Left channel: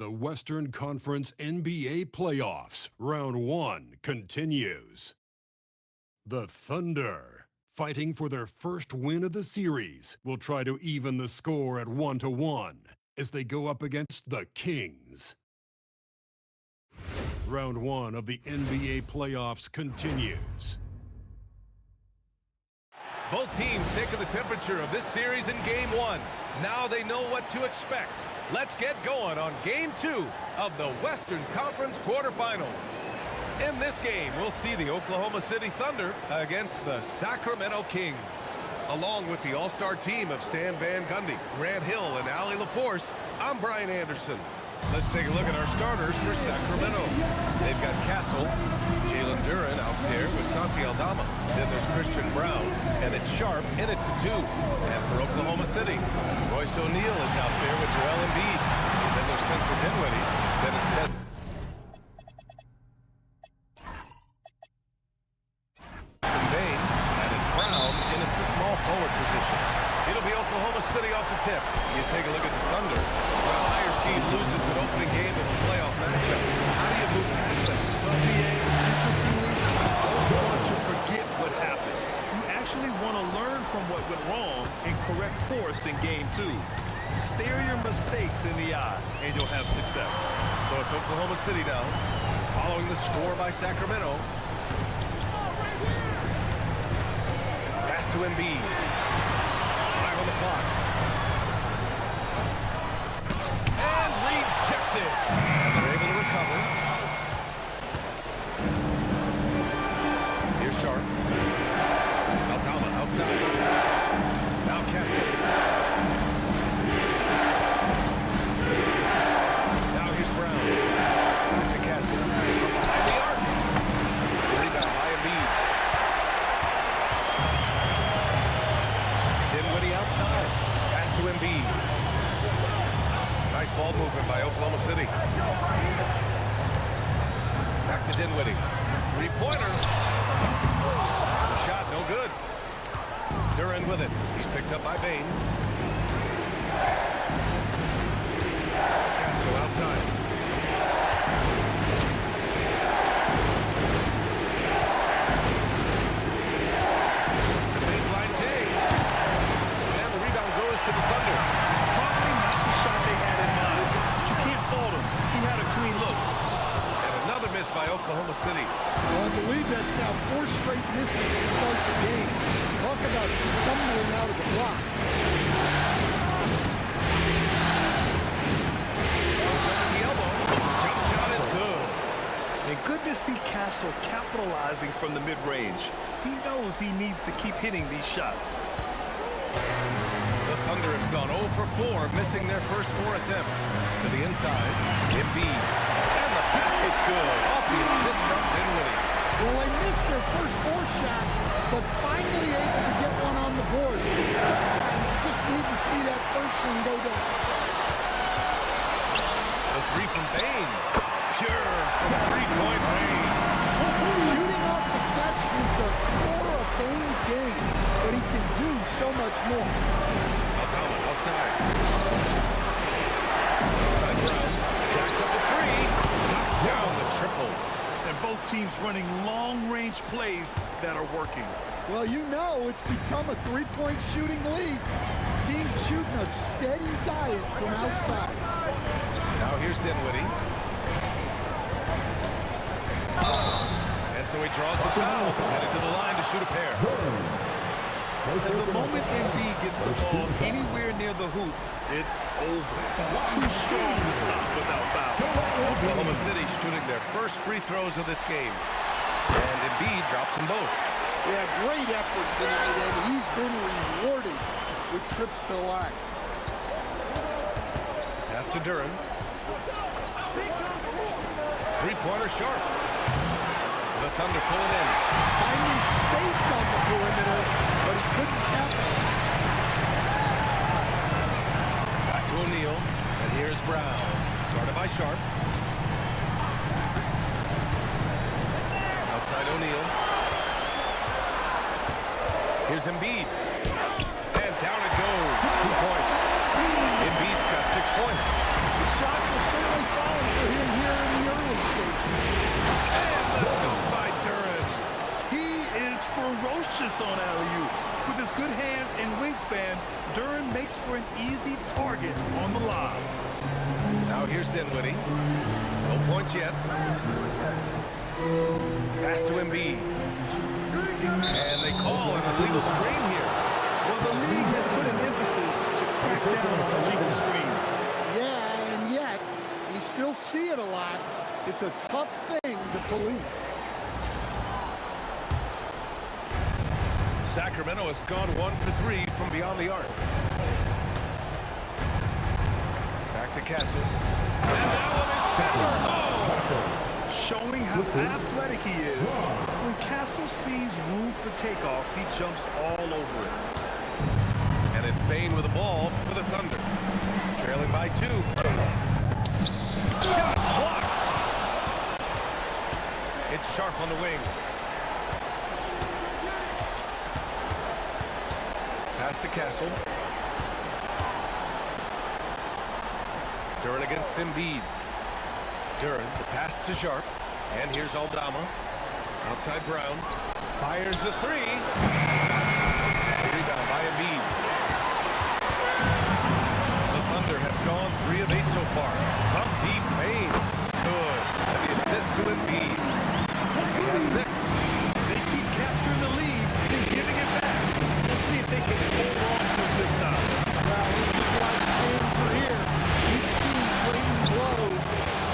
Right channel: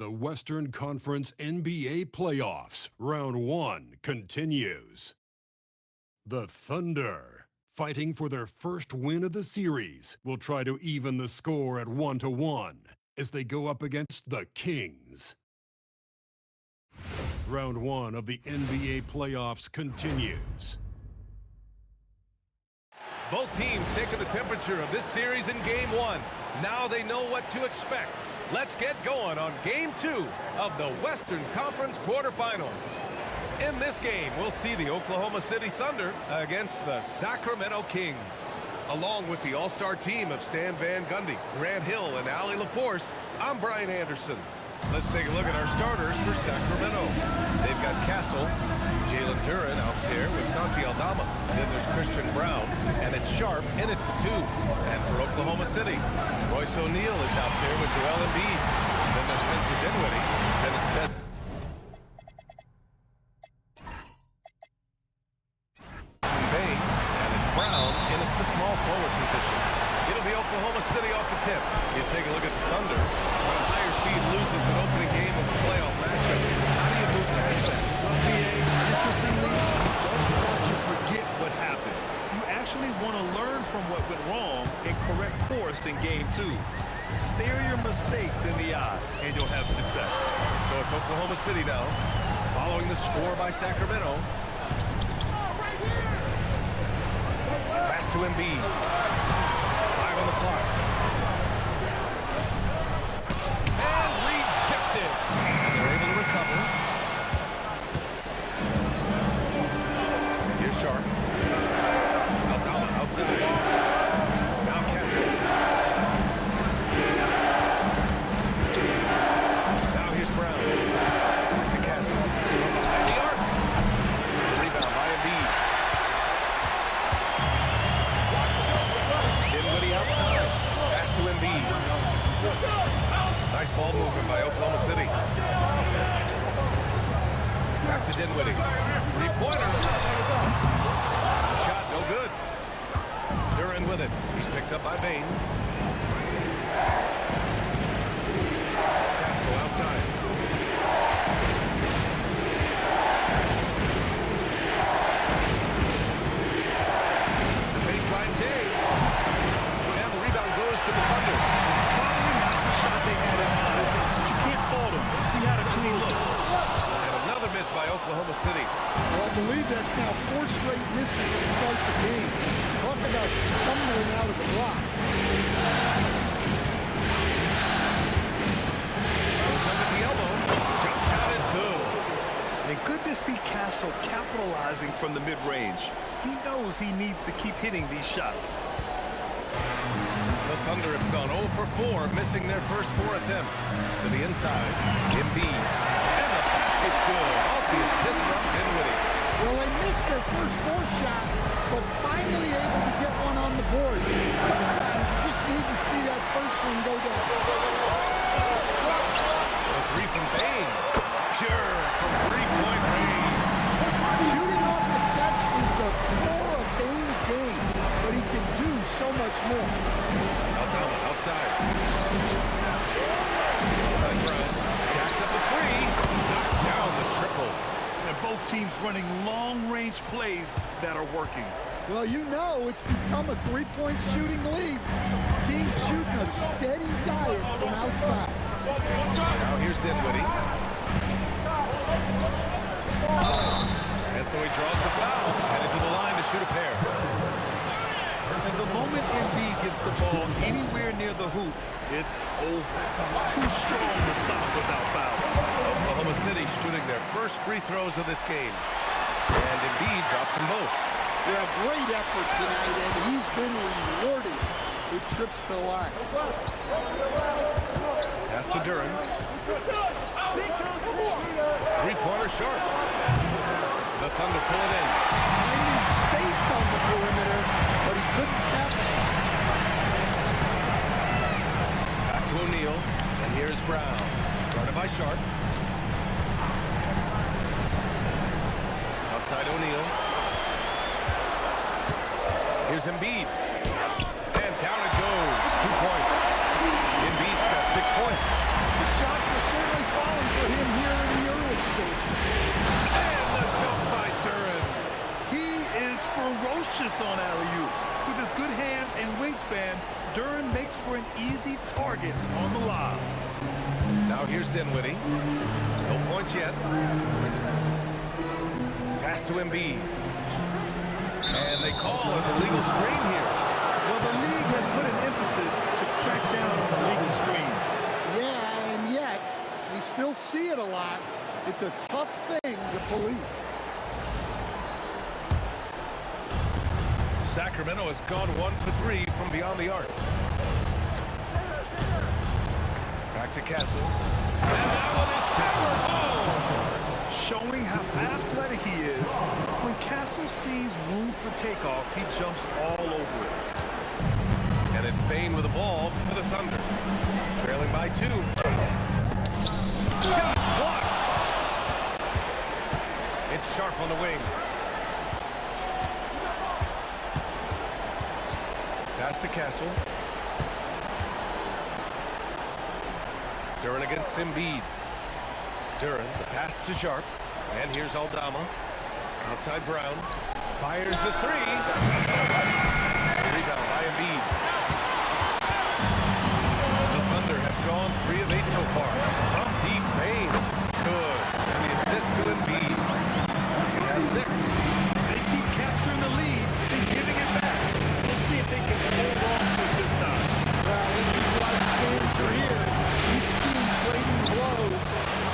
The Western Conference NBA Playoffs, Round 1 continues. The Thunder, fighting for their first win of the series, will try to even the score at 1-1 as they go up against the Kings. Round 1 of the NBA Playoffs continues. Both teams taking the temperature of this series in Game 1. Now they know what to expect. Let's get going on Game 2 of the Western Conference quarterfinals. In this game, we'll see the Oklahoma City Thunder against the Sacramento Kings. Along with the all-star team of Stan Van Gundy, Grant Hill, and Allie LaForce, I'm Brian Anderson. Let's take a look at our starters for Sacramento. They've got Castle, Jalen Duren out there with Santi Aldama. Then there's Christian Brown, and it's Sharp in at the 2. And for Oklahoma City, Royce O'Neal is out there with Joel Embiid. Then there's Spencer Dinwiddie. Then it's Bain, and it's Brown in at the small forward position. It'll be Oklahoma City off the tip. You take a look at the Thunder. When a higher seed loses an opening game of a playoff matchup, how do you move past that? Well, PA, interestingly, you don't want to forget what happened. You actually want to learn from what went wrong and correct course in Game 2. Stare your mistakes in the eye, and you'll have success. So it's Oklahoma City now, following the score by Sacramento. Pass to Embiid. 5 on the clock. And rejected. And they're able to recover. Here's Sharp. Aldama outside. Now Castle. Now here's Brown. Back to Castle. From behind the arc. Rebound by Embiid. Dinwiddie outside. Pass to Embiid. Nice ball movement by Oklahoma City. Back to Dinwiddie. Three-pointer. The shot, no good. Duren with it. He's picked up by Bain. Castle outside. The baseline J. And the rebound goes to the Thunder. Probably not the shot they had in mind, but you can't fault him. He had a clean look. And another miss by Oklahoma City. Well, I believe that's now 4 straight misses to start the game. Talk about stumbling out of the block. Goes under the elbow. Jump shot is good. And good to see Castle capitalizing from the mid-range. He knows he needs to keep hitting these shots. The Thunder have gone 0 for 4, missing their first 4 attempts. To the inside, Embiid. And the basket's good, off the assist from Dinwiddie. Well, they missed their first 4 shots, but finally able to get one on the board. Sometimes you just need to see that first one go down. The 3 from Bain. Pure from 3-point range. Shooting off the catch is the core of Bain's game, but he can do so much more. Aldama outside. Outside Brown. Jacks up a 3. Knocks down the triple. And both teams running long-range plays that are working. Well, you know it's become a 3-point shooting league. Teams shooting a steady diet from outside. Now here's Dinwiddie. And so he draws the foul, headed to the line to shoot a pair. And the moment Embiid gets the ball anywhere near the hoop, it's over. Too strong to stop without foul. Oklahoma City shooting their first free throws of this game. And Embiid drops them both. Yeah, great effort tonight, and he's been rewarded with trips to the line. Pass to Duren. Three-pointer Sharp. The Thunder pull it in. Finding space on the perimeter, but he couldn't capitalize. Back to O'Neal, and here's Brown. Guarded by Sharp. Outside O'Neal. Here's Embiid. And down it goes. 2 points. Embiid's got 6 points. The shots were certainly station. And the dunk by Duran. He is ferocious on alley-oops. With his good hands and wingspan, Duran makes for an easy target on the lob. Now here's Dinwiddie. No points yet. Pass to Embiid. And they call an illegal screen here. Well, the league has put an emphasis to crack down on illegal screens. Yeah, and yet, we still see it a lot. It's a tough thing to police. Sacramento has gone 1 for 3 from beyond the arc. Back to Castle. And that one is hammered home. Showing how athletic he is, when Castle sees room for takeoff, he jumps all over it. And it's Bane with the ball for the Thunder. Trailing by 2. Shot blocked. It's Sharp on the wing. Pass to Castle. Duran against Embiid. Duran, the pass to Sharp. And here's Aldama. Outside Brown. Fires the 3. A rebound by Embiid. The Thunder have gone 3 of 8 so far. From deep, Bane. Good. And the assist to Embiid. He has 6. They keep capturing the lead and giving it back. Let's see if they can hold on to it this time. Well, this is why the fans are here. Each team trading blows,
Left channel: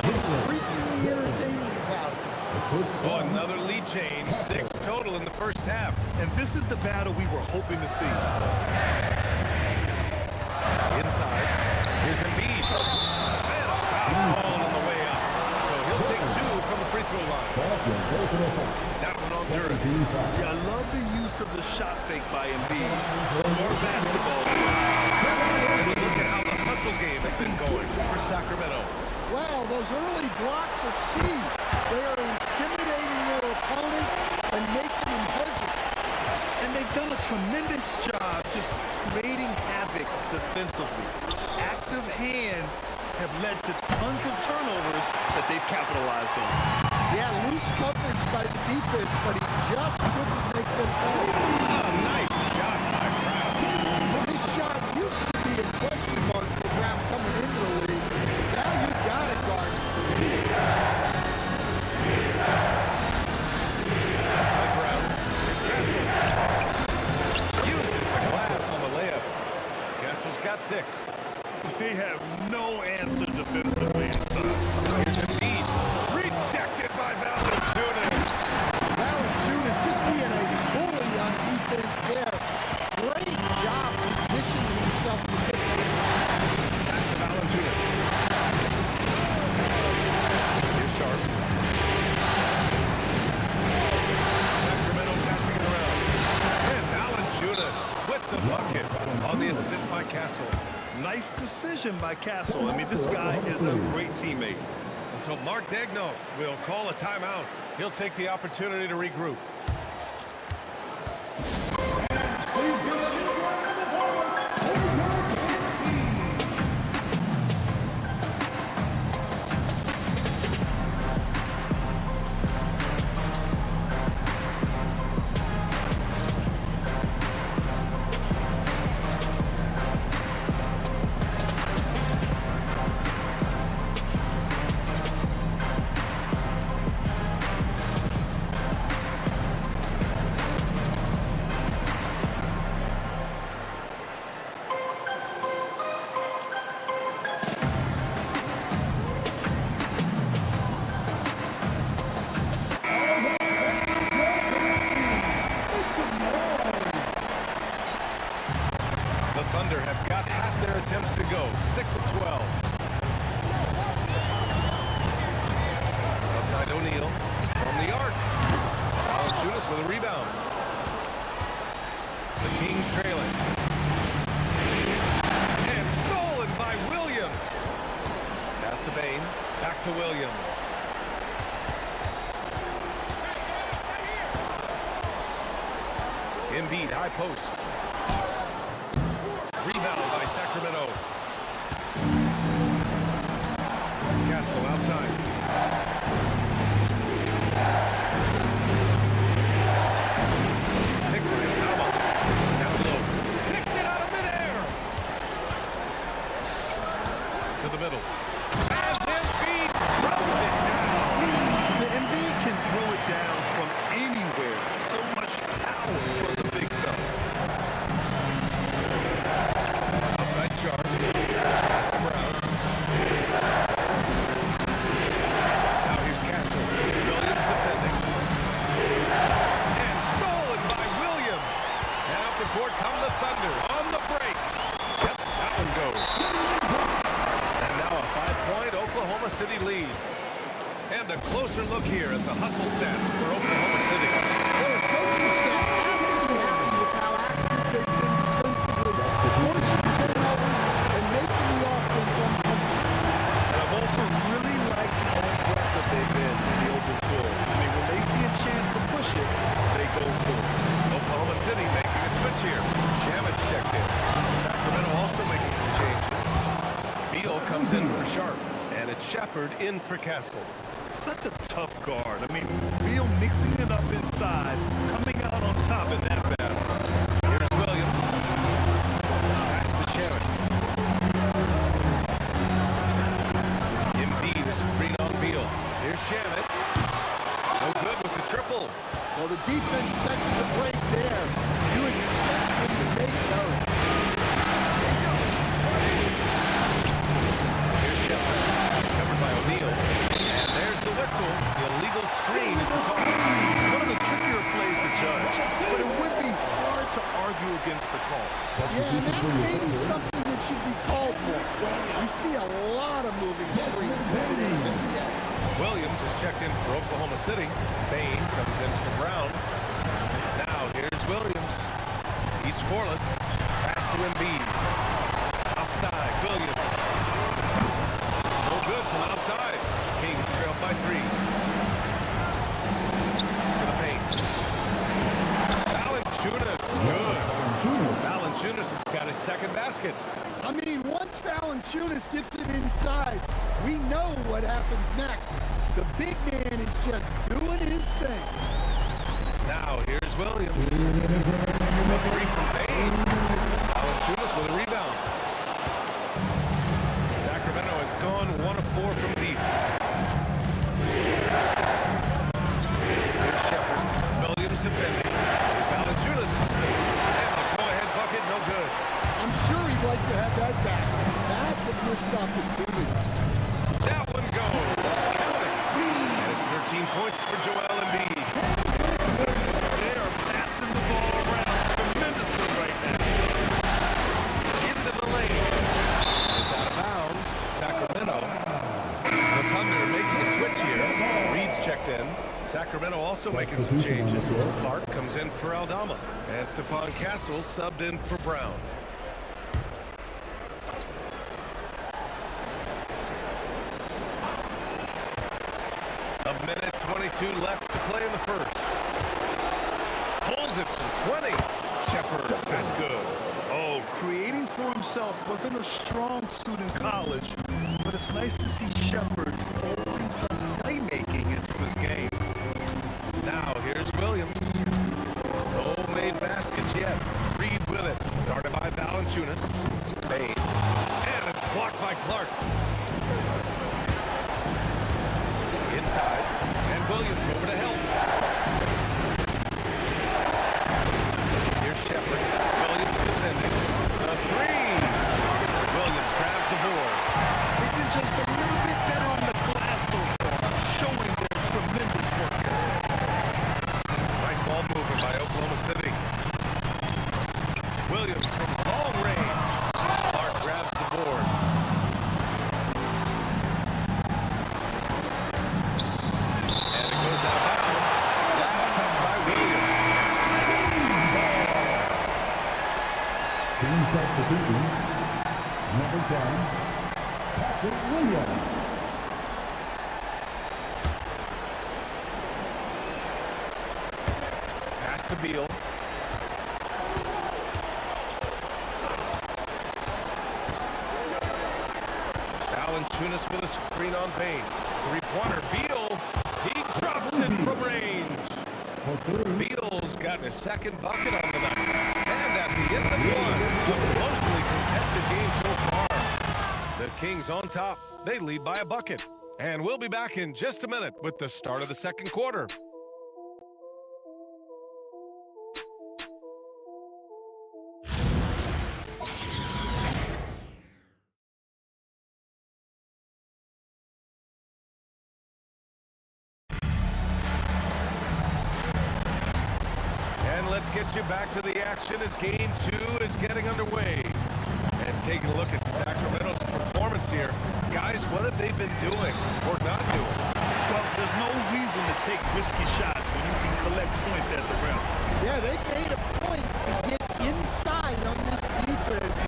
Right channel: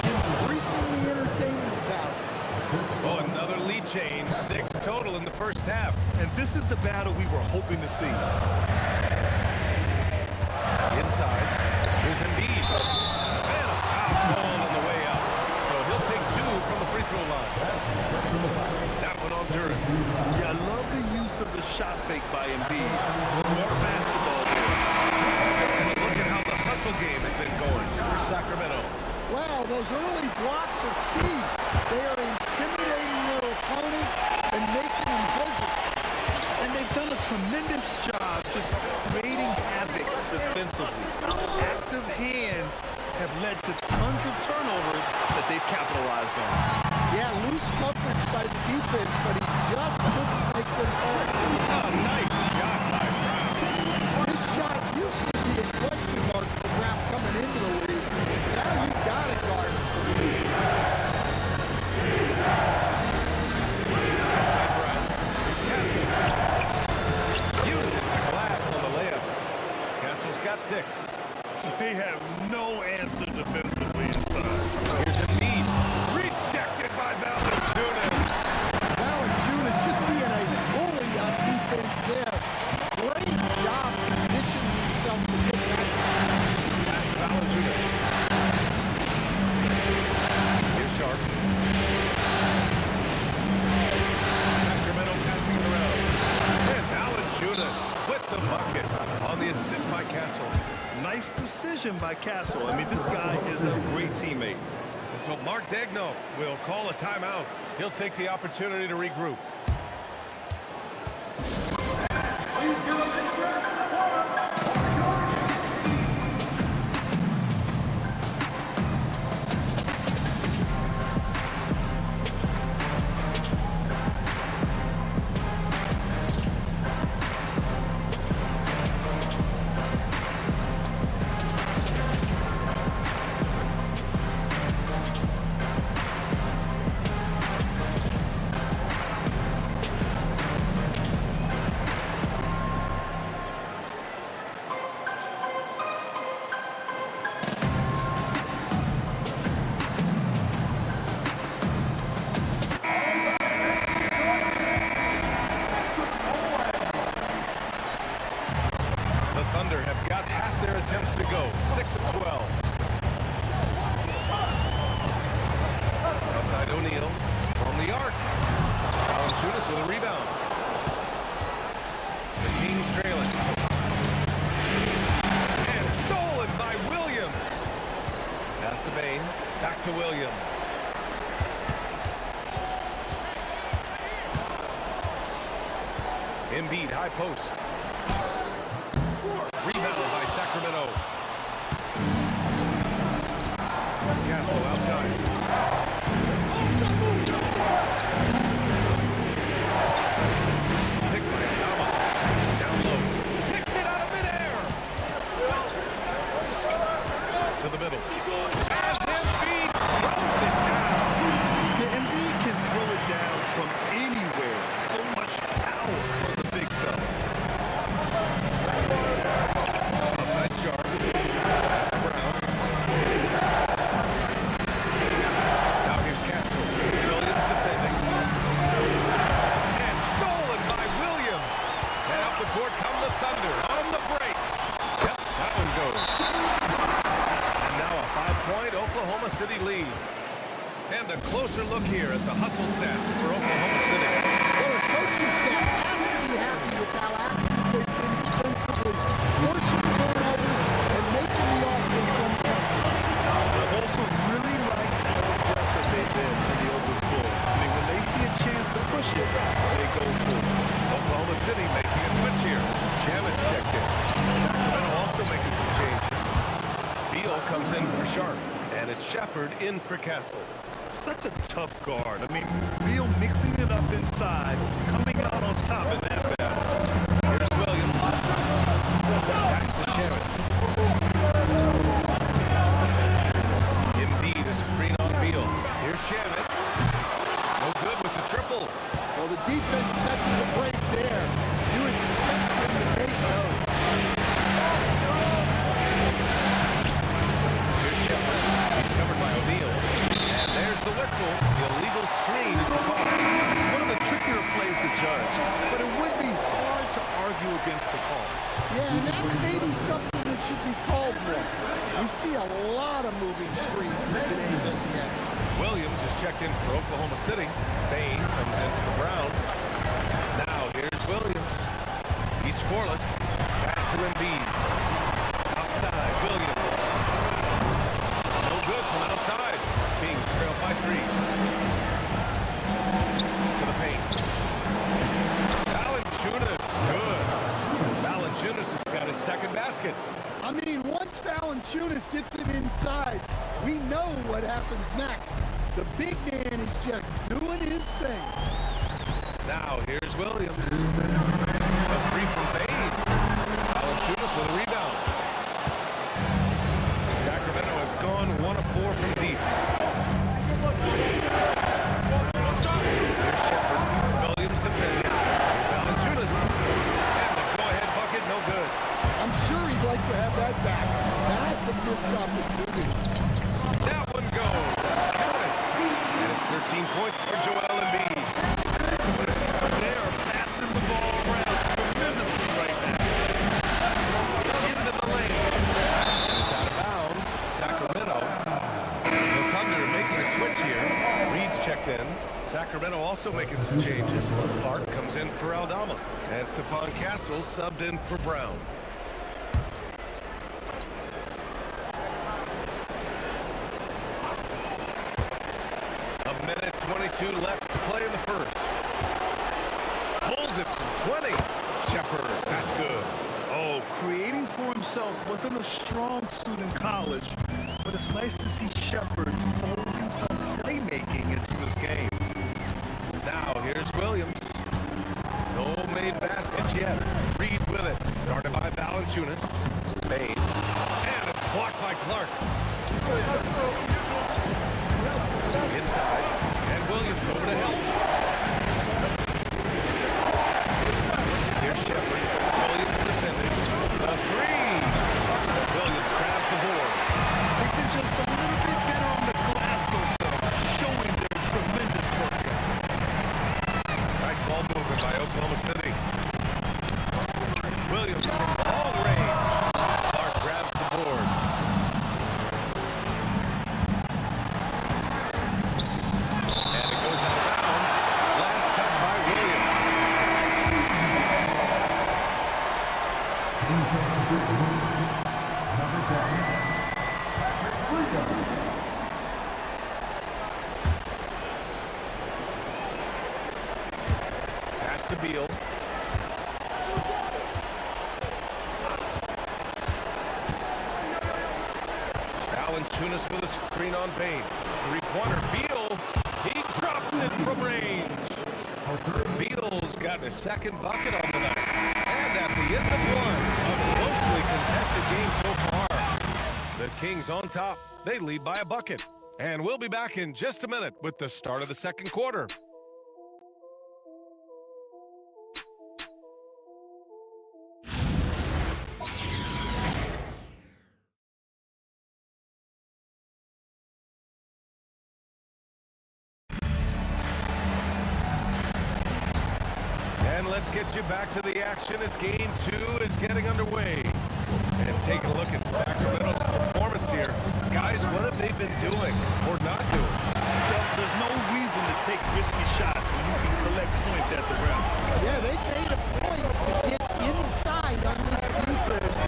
increasing the entertainment value. Oh, another lead change. 6 total in the first half. And this is the battle we were hoping to see. Inside. Here's Embiid. And a foul called on the way up. So he'll take 2 from the free throw line. That one on Duran. Yeah, I love the use of the shot fake by Embiid. Smart basketball there. And look at how the hustle game has been going for Sacramento. Wow, those early blocks are key. They are intimidating their opponents and making them hesitate. And they've done a tremendous job just creating havoc defensively. Active hands have led to tons of turnovers that they've capitalized on. Yeah, loose coverage by the defense, but he just couldn't make them pay. Oh, nice shot by Brown. This shot used to be a question mark for Brown coming into the league. Now you got to guard him for the league. Outside Brown. Here's Castle. Uses the glass on the layup. Castle's got 6. They have no answer defensively inside. Here's Embiid. Rejected by Valanciunas. Valanciunas just being a bully on defense there. Great job positioning himself to get that. Pass to Valanciunas. Here's Sharp. Sacramento passing it around. And Valanciunas with the bucket on the assist by Castle. Nice decision by Castle. I mean, this guy is a great teammate. And so Mark Daigneault will call a timeout. He'll take the opportunity to regroup. Thunder have got half their attempts to go. 6 of 12. Outside O'Neal from the arc. Valanciunas with a rebound. The Kings trailing. And stolen by Williams. Pass to Bane. Back to Williams. Embiid, high post. Rebound by Sacramento. Castle outside. to the middle. And Embiid throws it down. The Embiid can throw it down from anywhere. So much power for the big fella. Outside Sharp. Pass to Brown. Now here's Castle. Williams defending. And stolen by Williams. And up the court come the Thunder on the break. Yep, that one goes. And now a 5-point Oklahoma City lead. And a closer look here at the hustle stats for Oklahoma City. Well, the coaching staff has to be happy with how active they've been defensively, forcing turnovers and making the offense uncomfortable. And I've also really liked how aggressive they've been in the open floor. I mean, when they see a chance to push it, they go for it. Oklahoma City making a switch here. Shamit's checked in. Sacramento also making some changes. Beal comes in for Sharp. And it's Shepard in for Castle. Such a tough guard. I mean, Beal mixing it up inside, coming out on top in that battle. Here's Williams. Pass to Shamit. Embiid, a screen on Beal. Here's Shamit. No good with the triple. Well, the defense catches a break there. You expect him to make those. Here's Shepard. He's covered by O'Neal. And there's the whistle. The illegal screen is the call. One of the trickier plays to judge, but it would be hard to argue against the call. Yeah, and that's maybe something that should be called more. We see a lot of moving screens in today's NBA. Williams is checked in for Oklahoma City. Bain comes in for Brown. Now here's Williams. He's scoreless. Pass to Embiid. Outside, Williams. No good from outside. Kings trail by 3. To the paint. Valanciunas, good. Valanciunas has got his second basket. I mean, once Valanciunas gets it inside, we know what happens next. The big man is just doing his thing. Now here's Williams. The 3 from Bain. Valanciunas with a rebound. Sacramento has gone 1 of 4 from deep. Here's Shepard. Williams defending. Here's Valanciunas. And the go-ahead bucket, no good. I'm sure he'd like to have that back. That's a missed opportunity. That one goes. Count it. And it's 13 points for Joel Embiid. They are passing the ball around tremendously right now. Into the lane. And it's out of bounds to Sacramento. The Thunder making a switch here. Reed's checked in. Sacramento also making some changes. Clark comes in for Aldama. And Stephon Castle subbed in for Brown. A minute 22 left to play in the first. Pulls it from 20. Shepard, that's good. Oh, creating for himself wasn't a strong suit in college, but it's nice to see Shepard folding some playmaking into his game. Now here's Williams. No made baskets yet. Reed with it. Started by Valanciunas. Bain. And it's blocked by Clark. Inside. And Williams over to help. Here's Shepard. Williams defending. The 3. Williams grabs the board. They've been just a little bit better on the glass so far, showing their tremendous work ethic. Nice ball movement by Oklahoma City. Williams from long range. Clark grabs the board. And it goes out of bounds. Last touch by Williams. Number 10, Patrick Williams. Pass to Beal. Valanciunas with a screen on Bain. Three-pointer. Beal. He drops it from range. Beal's got his second bucket on the night. And at the end of one, a closely contested game so far. The Kings on top. They lead by a bucket. And we'll be back in just a minute with the start of the second quarter. And let's get you back to the action as Game 2 is getting underway. And taking a look at Sacramento's performance here. Guys, what have they been doing or not doing? Well, there's no reason to take risky shots when you can collect points at the rim. Yeah, they made a point to get inside on this defense,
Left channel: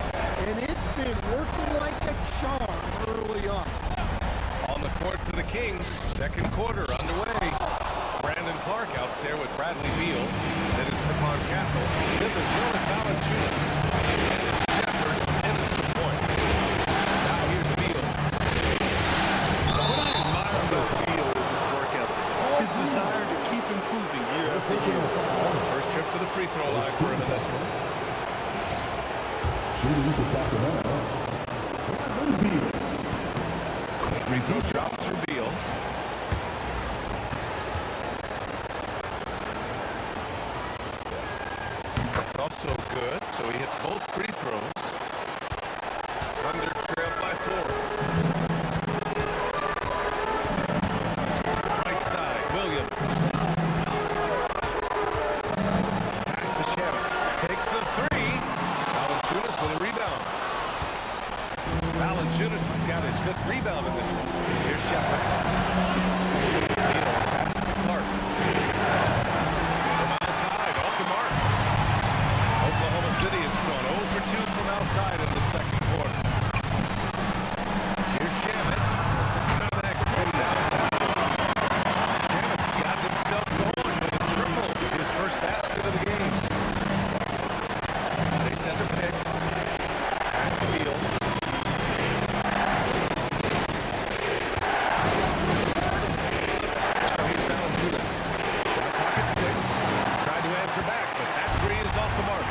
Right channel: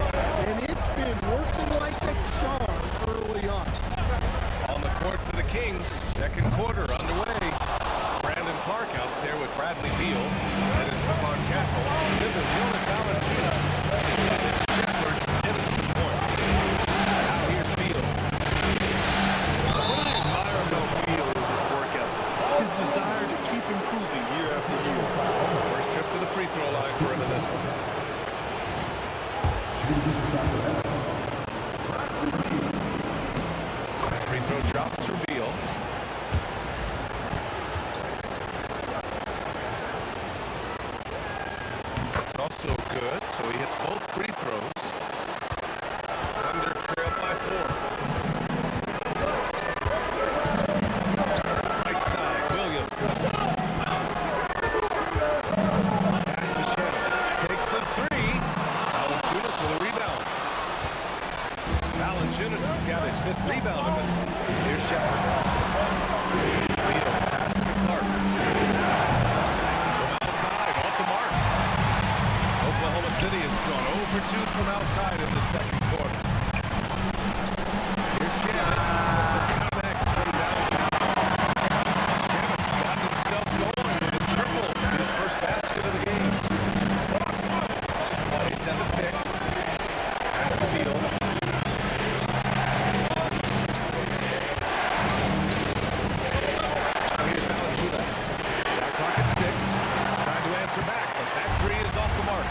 and it's been working like a charm early on. On the court for the Kings, second quarter underway. Brandon Clark out there with Bradley Beal. Then it's Stephon Castle. Then there's Jonas Valanciunas. And it's Shepard in at the point. Now here's Beal. What I admire about Beal is his work ethic. His desire to keep improving year after year. First trip to the free throw line for him in this one. Shooting for Sacramento, Bradley Beal. Free throw drops for Beal. Also good, so he hits both free throws. Thunder trail by 4. Right side, Williams. Pass to Shannon. Takes the 3. Valanciunas with a rebound. Valanciunas has got his 5th rebound in this one. Here's Shepard. Beal pass to Clark. From outside, off the mark. Oklahoma City has gone 0 for 2 from outside in the second quarter. Here's Shannon. Connects from downtown. Shannon's got himself going with a triple. His first basket of the game. They send a pick. Pass to Beal. Now here's Valanciunas. Shot clock at 6. Tried to answer back, but that 3 is off the mark.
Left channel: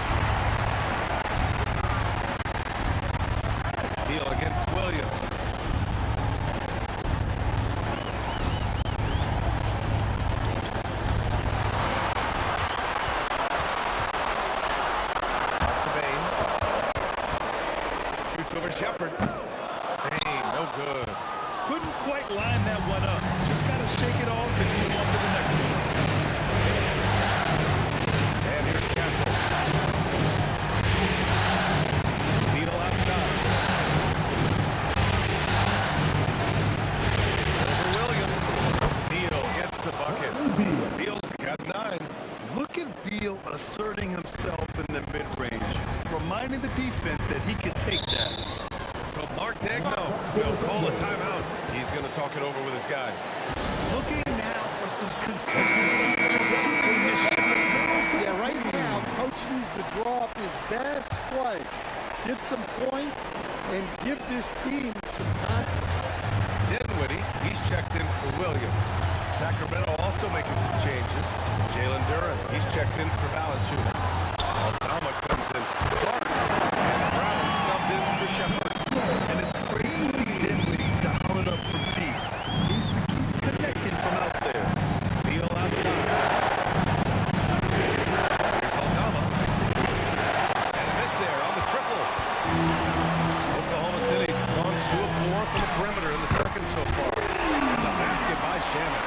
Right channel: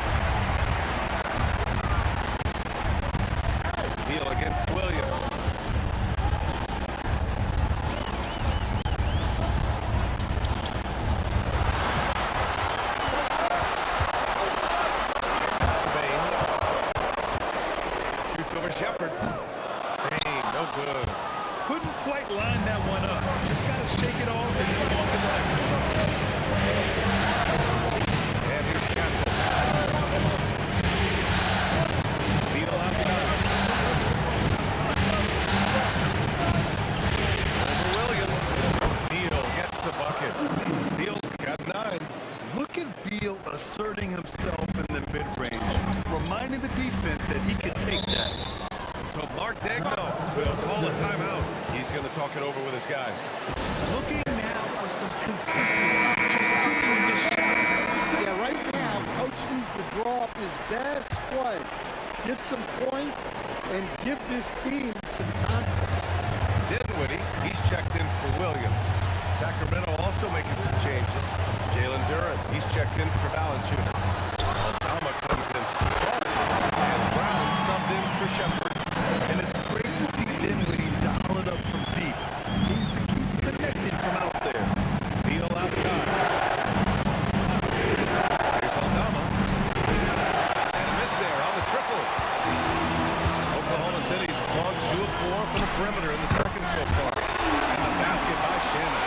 Beal against Williams. Pass to Bain. Shoots over Shepard. Bain, no good. Couldn't quite line that one up. Just got to shake it off and move on to the next one. And here's Castle. Beal outside. Over Williams. Beal gets the bucket. Beal's got 9. Look at Beal asserting himself in the mid-range, reminding the defense that he could take that. So Mark Daigneault will call a timeout. He's going to talk it over with his guys. Looking now for some consistency. Just 2 missed shots. Yeah, right now, Coach needs to draw up his best play, get some points, and give this team some confidence. Dinwiddie, he's checked in for Williams. Sacramento also making some changes. Jalen Duren, he's checked in for Valanciunas. Aldama comes in for Clark. And Brown subbed in for Shepard. And it's great to see Dinwiddie dial it up from deep. He needs to keep connecting from out there. Beal outside. Here's Aldama. And a miss there on the triple. Oklahoma City's gone 2 of 4 from the perimeter in the second so far. And the basket by Shannon.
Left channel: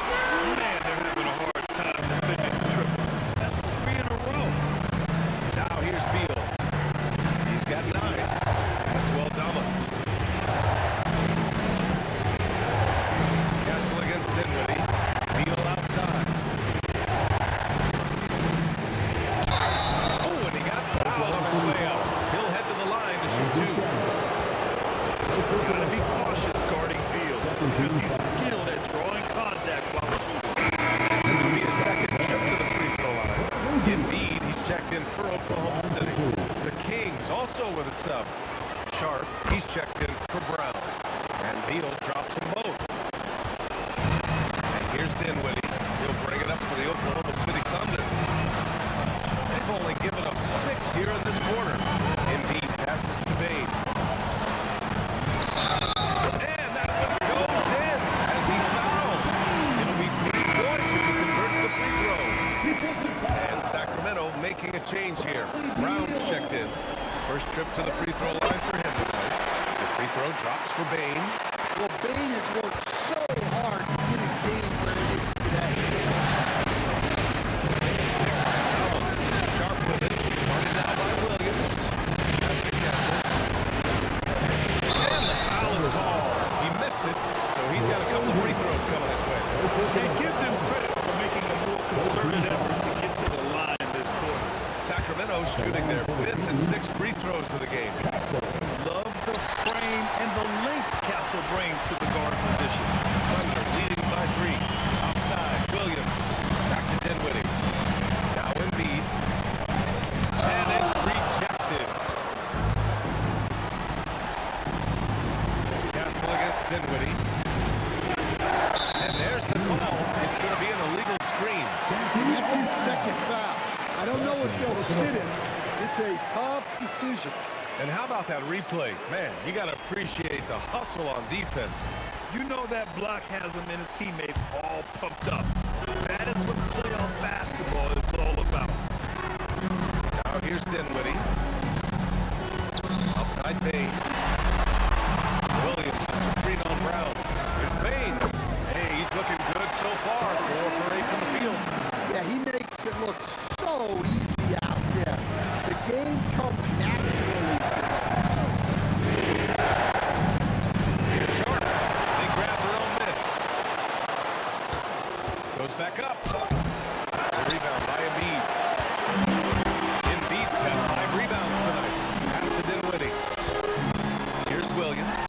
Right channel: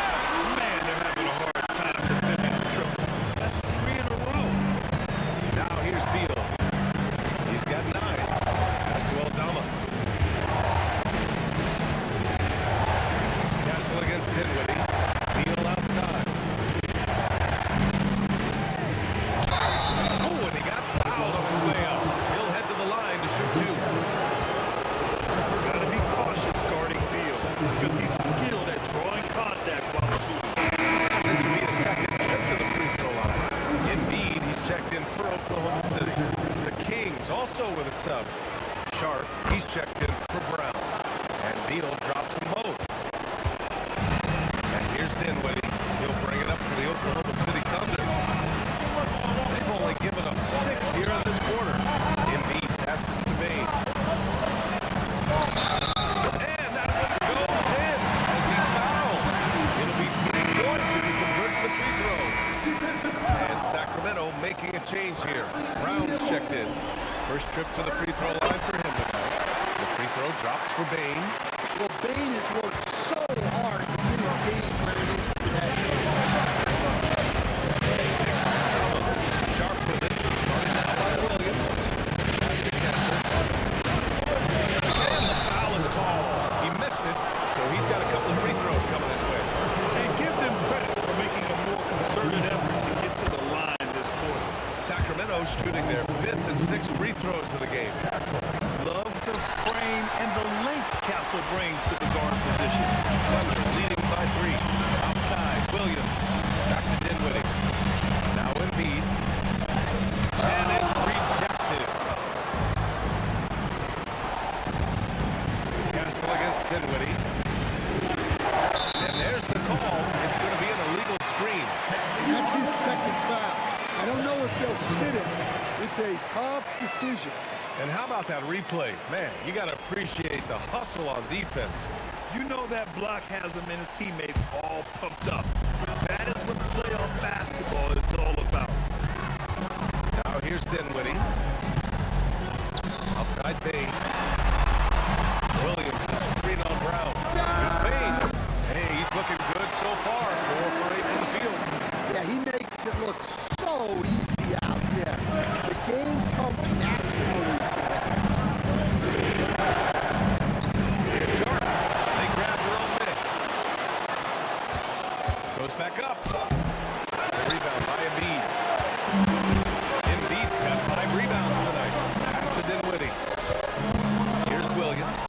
Man, they're having a hard time defending the triple. That's 3 in a row. Now here's Beal. He's got 9. Pass to Aldama. Castle against Dinwiddie. Beal outside. Oh, and he got fouled on his way out. He'll head to the line to shoot 2. Got to be cautious guarding Beal because he's skilled at drawing contact while shooting. This will be his second trip to the free throw line. Indeed, he's checked in for Oklahoma City. The Kings also with a sub. Sharp, he's checked in for Brown. And Beal drops them both. And here's Dinwiddie. He'll bring it up for the Oklahoma City Thunder. They've only given up 6 here in this quarter. Embiid passes to Bain. change here. Brown's checked in. First trip to the free throw line for him tonight. The free throw drops for Bain. Well, Bain has worked so hard to get his game where it is today. Sharp with it. Guarded now by Williams. Pass to Kessler. And the foul is called. He missed it, so he's got a couple of free throws coming his way. And give them credit for making a more concerted effort to get to the line this quarter. Sacramento shooting their 5th and 6th free throws of the game. Love the frame and the length Castle brings to the guard position. Thunder leading by 3. Outside, Williams. Back to Dinwiddie. Now Embiid. And it's rejected. Castle against Dinwiddie. And there's the call. It's going to be an illegal screen. And that's his second foul. I don't know if they'll sit him. It's a tough decision. And how about that replay? Man, you got to appreciate the hustle on defense. You know that block has him and his teammates all pumped up. That is what playoff basketball is all about. Now here's Dinwiddie. Outside Bain. Williams, a screen on Brown. Here's Bain. Hey, he's looking good so far. 4 for 8 from the field. Yeah, he makes it look so easy out there. The game comes naturally to him. Here's Sharp. They grab their own miss. Goes back up. The rebound by Embiid. Embiid's got 5 rebounds tonight. Pass to Dinwiddie. Here's Williams.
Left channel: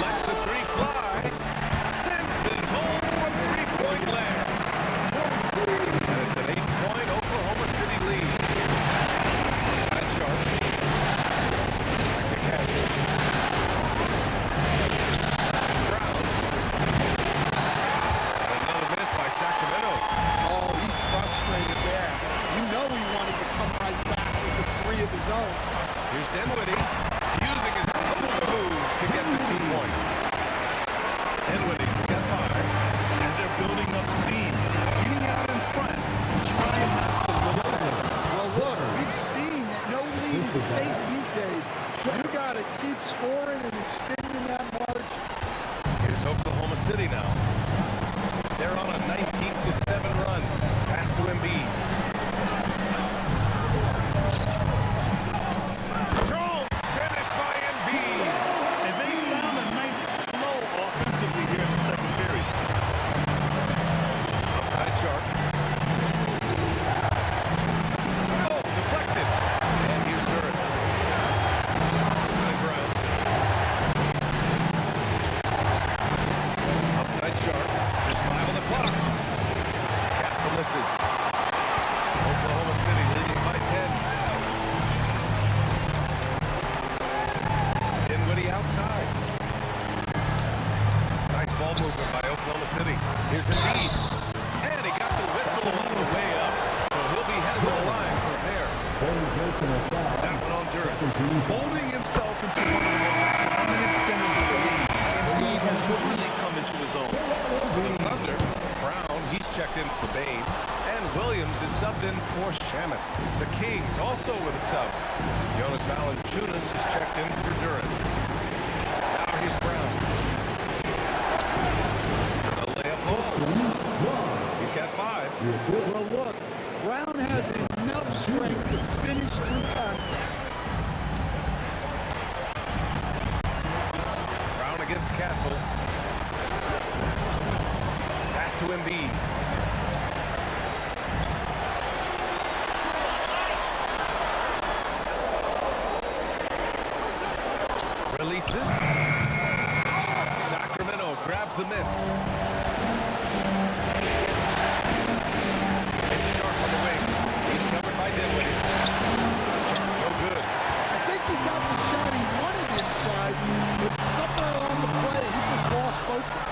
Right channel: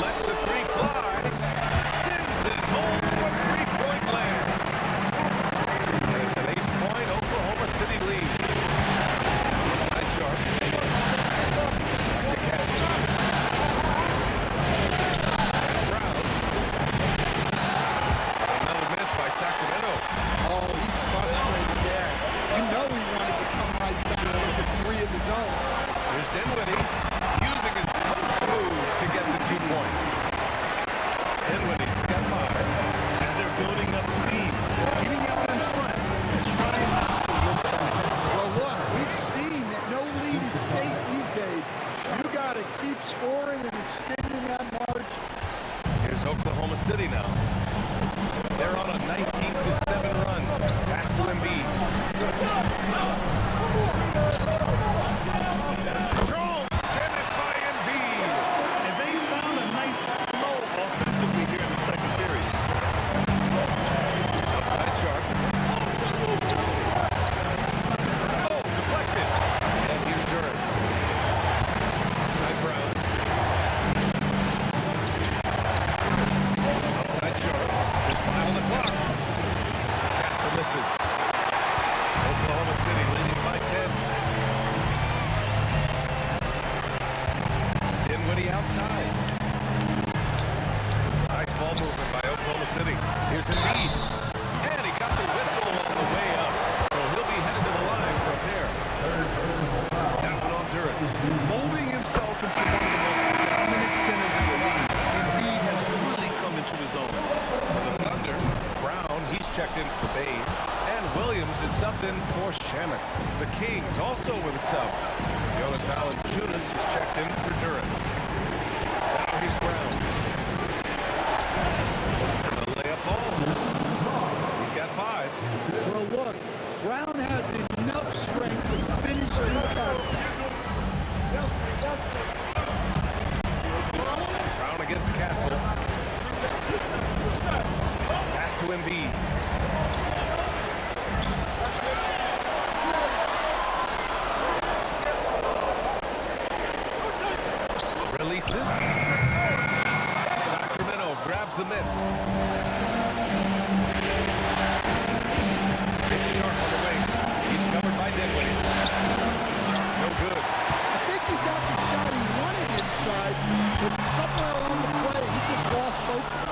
Lets the 3 fly. Sends it home from 3-point land. And it's an 8-point Oklahoma City lead. Inside Sharp. Back to Castle. Brown. And another miss by Sacramento. Oh, he's frustrated there. You know he wanted to come right back with the 3 of his own. Here's Dinwiddie using his post moves to get the 2 points. Dinwiddie's got 5. As they're building up steam, getting out in front, trying not to look back. Well, look, we've seen that no lead is safe these days. You got to keep scoring and extending that margin. Here's Oklahoma City now. They're on a 19-7 run. Pass to Embiid. Strong finish by Embiid. And they found a nice flow offensively here in the second period. Outside Sharp. Oh, deflected. And here's Durant. Outside Brown. Outside Sharp. Just 5 on the clock. Castle misses. Oklahoma City leading by 10. Dinwiddie outside. Nice ball movement by Oklahoma City. Here's Embiid. And he got the whistle on the way up. So he'll be headed to the line for a pair. That one on Durant. Molding himself into one of the most dominant centers in the league, Embiid has really come into his own. For the Thunder, Brown, he's checked in for Bain. And Williams is subbed in for Shamet. The Kings also with a sub. Jonas Valanciunas is checked in for Durant. Now here's Brown. And the layup falls. He's got 5. Well, look, Brown has enough strength to finish through contact. Brown against Castle. Pass to Embiid. Releases. Sacramento grabs the miss. It's Sharp on the wing. He's covered by Dinwiddie. Sharp, no good. I think he got the shot he wanted inside, but somewhere on the play, he just lost focus.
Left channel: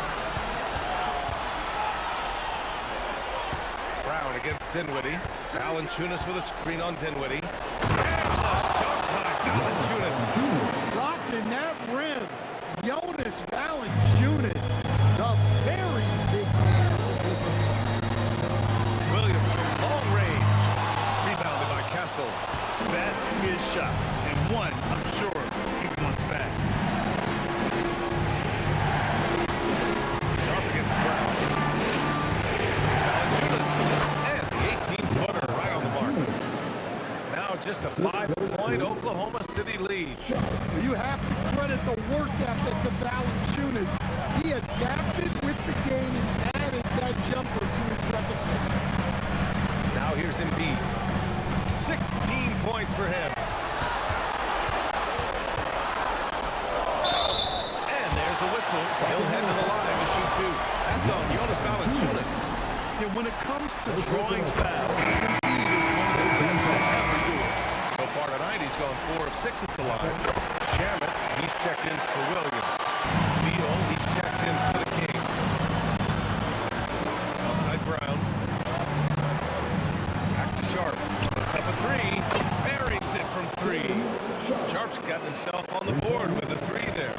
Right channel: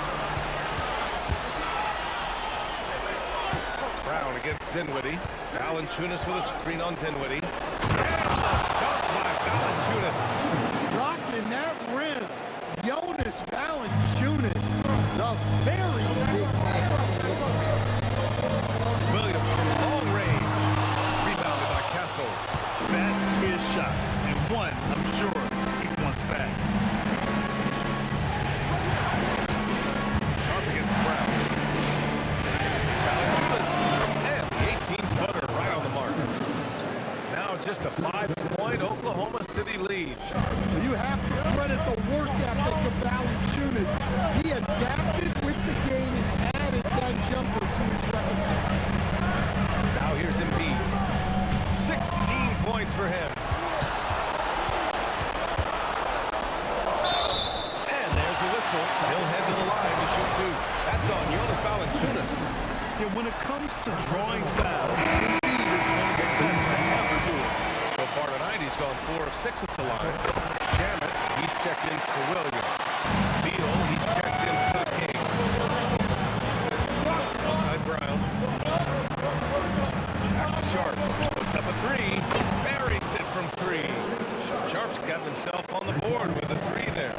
Brown against Dinwiddie. Valanciunas with a screen on Dinwiddie. And the dunk by Valanciunas. Rocking that rim, Jonas Valanciunas, the very big man. Williams from long range. Rebounded by Castle. whistle. That's his shot, and one I'm sure he wants back. Sharp against Brown. Here's Valanciunas, and the 18-footer right on the mark. Now just a 5-point Oklahoma City lead. Well, you have to credit the work ethic of Valanciunas. He adapted with the game and added that jumper to his repertoire. Now here's Embiid. 16 points for him. And there's a whistle. He'll head to the line to shoot two. That's on Jonas Valanciunas. Yeah, when it comes to drawing fouls, Embiid is one of the best to ever do it. So far tonight, he's gone 4 of 6 at the line. Shamet, he's checked in for Williams. Beal, he's checked in for the Kings. Outside Brown. Back to Sharp. Puts up a three. Buries it from 3. Sharp's gotten himself on the board with a 3 there.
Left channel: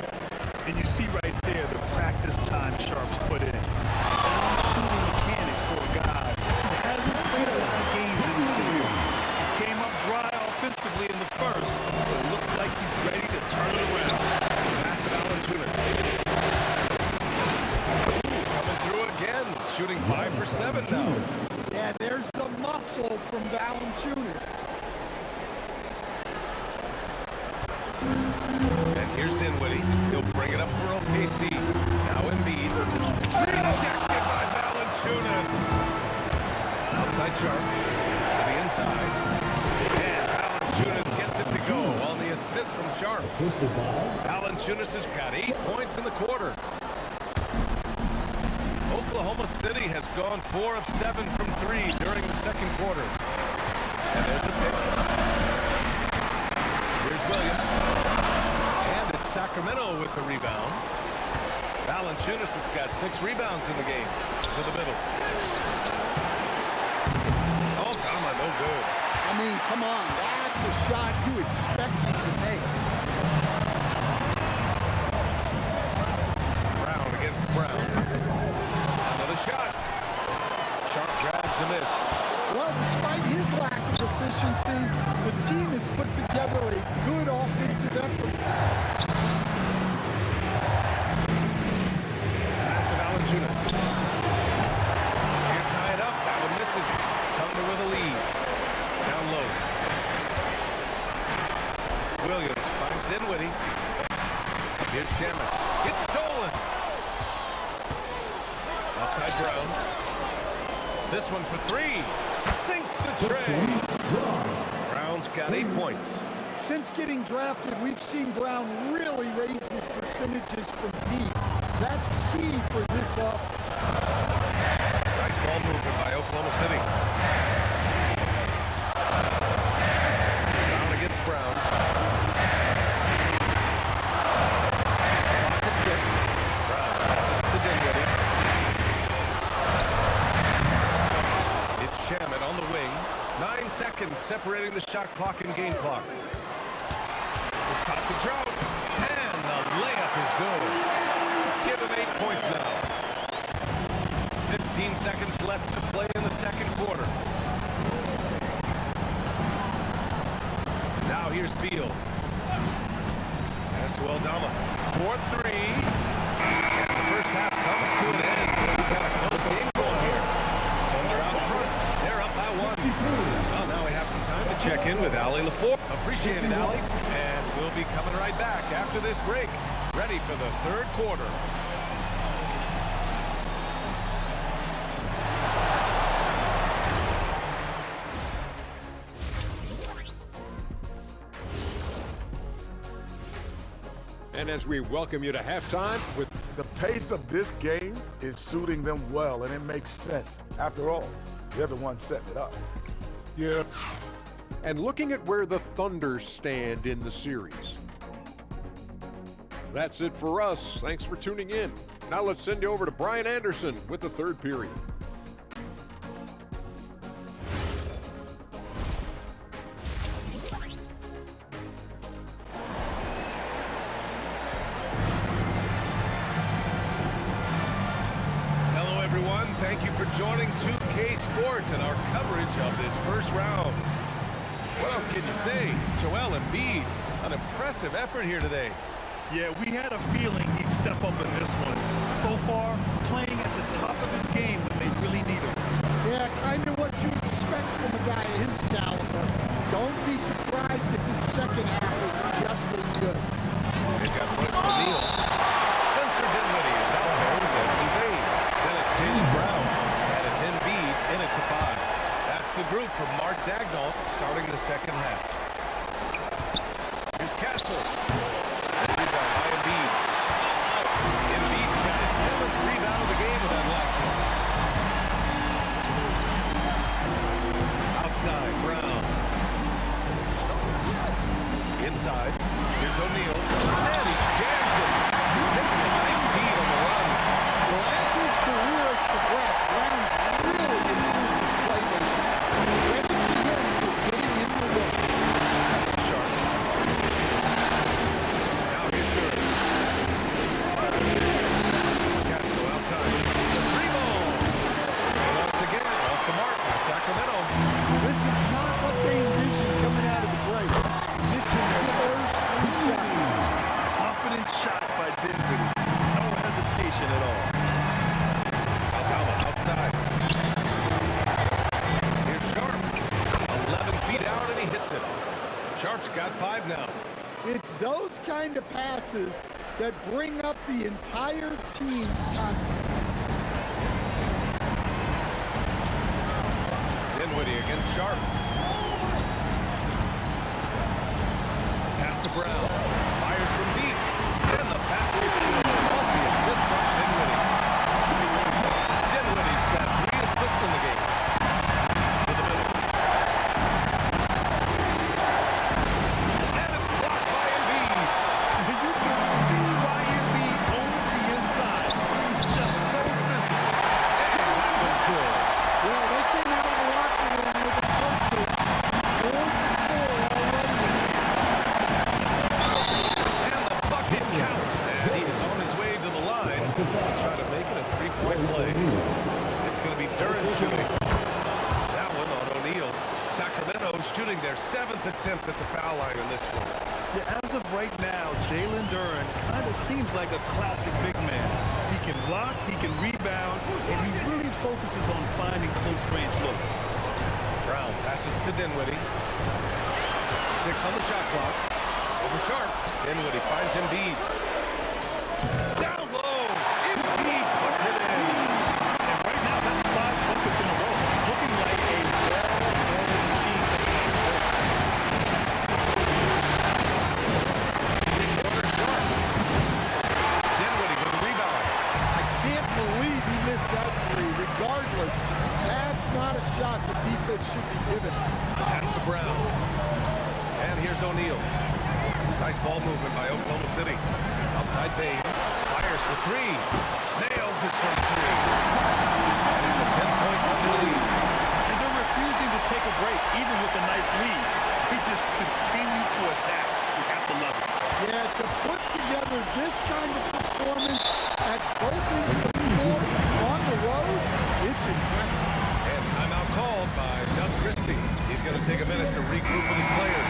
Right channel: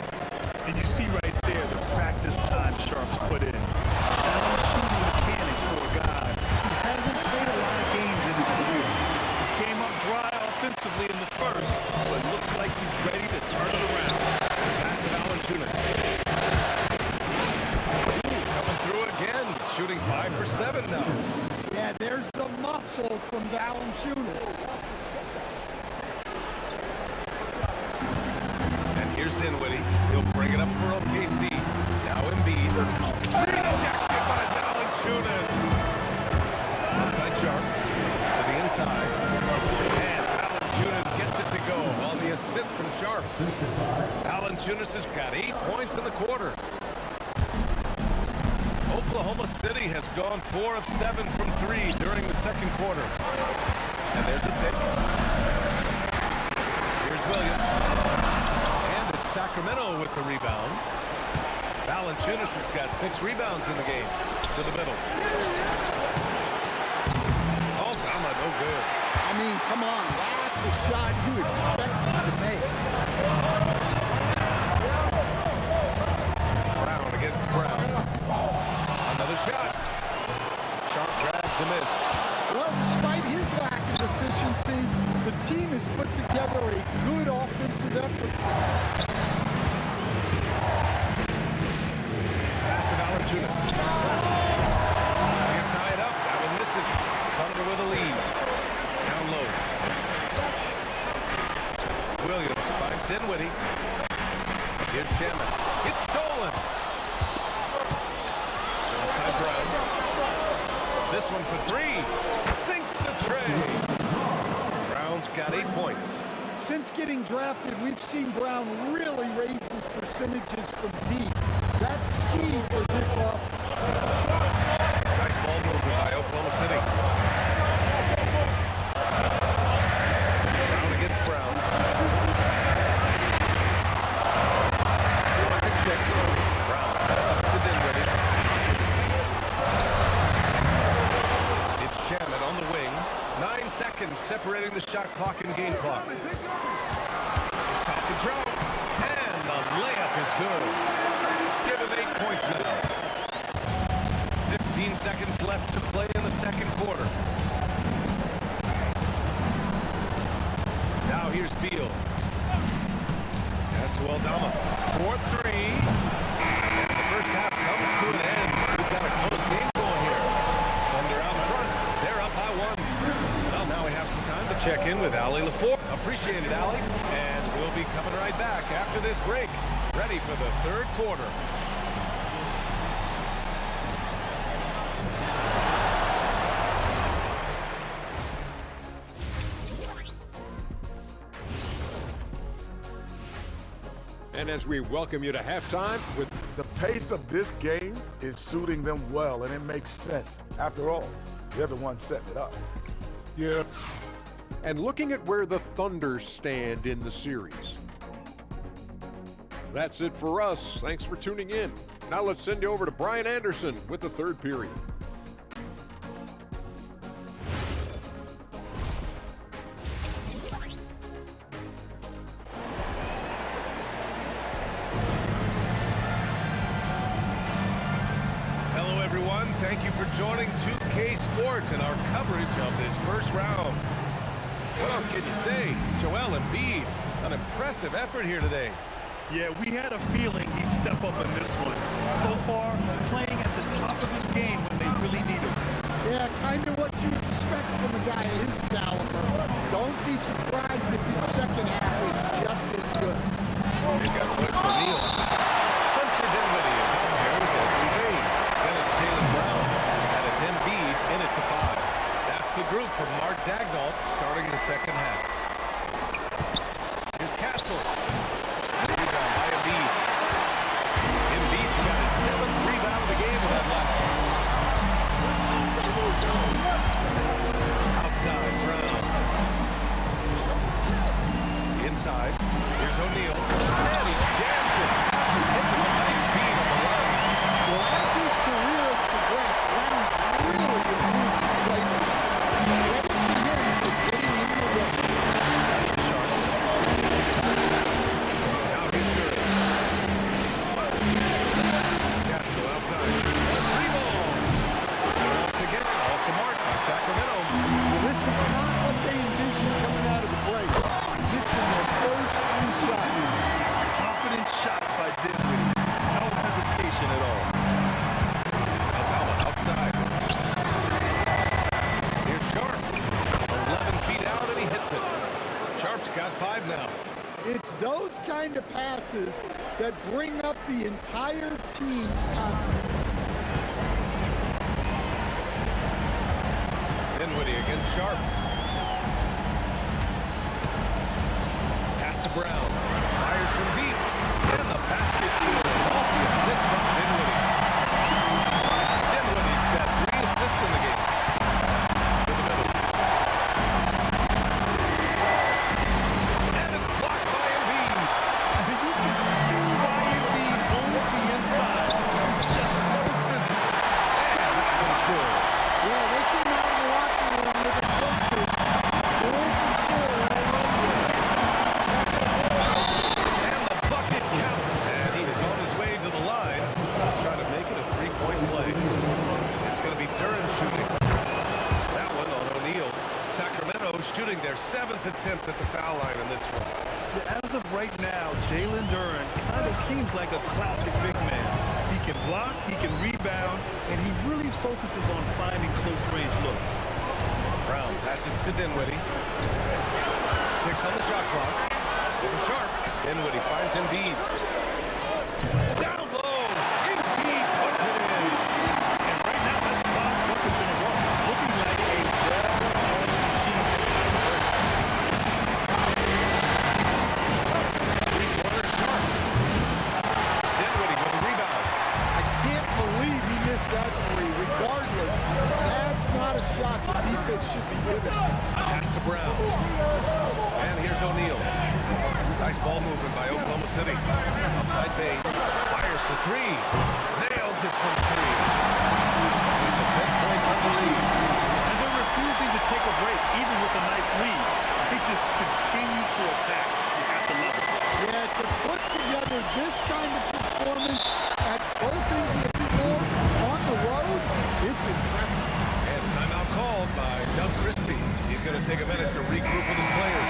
And you see right there the practice time Sharp's put in. Sound shooting mechanics for a guy who hasn't played a lot of games in his career. He came up dry offensively in the first, but looks like he's ready to turn it around. Pass to Valanciunas. Coming through again. Shooting 5 for 7 now. Yeah, there's the muscle from Valanciunas. And here's Dinwiddie. He'll bring it up for OKC. Now Embiid. Rejected by Valanciunas. Outside Sharp. To the inside. And Valanciunas gets it to go on the assist from Sharp. Valanciunas has got 8 points in the quarter. Oklahoma City has gone 4 of 7 from 3 during the second quarter. And there's a pick. Here's Williams. And it's Sacramento with the rebound. Valanciunas has got 6 rebounds in the game. To the middle. Oh, Dama, no good. I mean, come on. That's a shot you expect him to make. Brown against Brown. Another shot. Sharp grabs a miss. Well, despite his lack of efficiency, the team has put together a good offensive effort tonight. Pass to Valanciunas. Can't tie it up. That one misses. Thunder with a lead. Down low. Williams finds Dinwiddie. Here's Shamet. It's stolen. Outside Brown. This one for 3. Sinks the tray. Brown's got 8 points. Since getting drafted, we've seen Brown really raise his percentages from deep. That's key for this offense. Nice ball movement by Oklahoma City. Brown against Brown. Clock at 6. Brown passes to Dinwiddie. It's Shamet on the wing. 9 seconds separating the shot clock and game clock. To stop the drought. And the layup is good. Give him 8 points now. 15 seconds left to play in the second quarter. Now here's Beal. Pass to Aldama. 4-3. And the first half comes to an end. We've got a close game going here. Thunder out front. They're up by 1. Well, now we have some time to check in with Allie LaFour. Appreciate it, Allie. And we'll be coming right back after this break. Ready for the third quarter. And as we welcome you to halftime with The pace of this game is suiting them well, and it makes sense. After all, they're the ones setting it up. yeah, and looking at where the Thunder stand in the series. That's it for us. Thanks for tuning in. Now let's send you over to Brian Anderson with the third period. Hello, everyone. Thank you for joining 2K Sports and our coverage of this first round. What else can you say? Joel Embiid, an impressive effort here today. Yeah, we had a feeling he'd step up in this one. So far, playing at the top of his game when they really need him. Yeah, kind of what you expect from a guy of his caliber. Don't be surprised if his second half is just as good. They've got Royce O'Neal. Spencer Dinwiddie is out there with Desmond Bain. Then it's Jaylen Brown. And it's Embiid in at the 5. That's the group from Mark Daigneault starting the second half. Here's Castle. Rebound by Embiid. Embiid's got his 7th rebound of the game with that last one. Outside, Brown. Inside, here's O'Neal. And he jams it after taking a nice feed on the run. Well, as his career has progressed, Brown really improved his playmaking. Credit to him for getting in the way. That's sharp. Now here's Durant. Castle outside. The 3 ball. Once again, off the mark by Sacramento. Well, this is not what they envisioned coming out of the break. This is their first 3 shots. Confident shot by Dinwiddie. No hesitation at all. Aldama outside. Here's Sharp. 11 feet out and he hits it. Sharp's got 5 now. It's those kind of passes that bring up the entire team's confidence. Dinwiddie against Sharp. Pass to Brown. Fires from deep. And the basket's good. Off the assist from Dinwiddie. Dinwiddie's got 3 assists in the game. To the middle. And it's blocked by Embiid. You can see why Embiid owns the inside. He's just so physical. And that one's good. Well, they came out of the locker room with a purpose. 4 for 4 already. And the bucket counts. And he is on his way to the line. Trying to make it a 3-point play. It's going to be Durant shooting. That one on O'Neal. Sacramento shooting their 7th attempt at the foul line in this one. Yeah, as of right now, Jalen Duren kind of seems like a classic big man. He can block, he can rebound, and he really focuses on finding close-range looks. Brown passes to Dinwiddie. 6 on the shot clock. Over Sharp. Dinwiddie finds Embiid. Down low. Embiid puts it in. And right now, that's 5 buckets in a row. Looking like a well-oiled machine. Three-quarter Sharp. Dinwiddie with a rebound. I can't believe he missed that 3. Regardless, that's not a shot the defense should be given. Pass to Brown. And here's O'Neal. Nice ball movement by Oklahoma City. Outside Bain. Fires for 3. Nails it from 3. And it's a 10-point Thunder lead. And they're refusing to take a break, even with a nice lead. They just continue to attack. You have to love it. Yeah, to put together this kind of performance at both ends of the floor on the road, it's impressive. And timeout called by Doug Christie. He's going to take a minute to regroup with his players.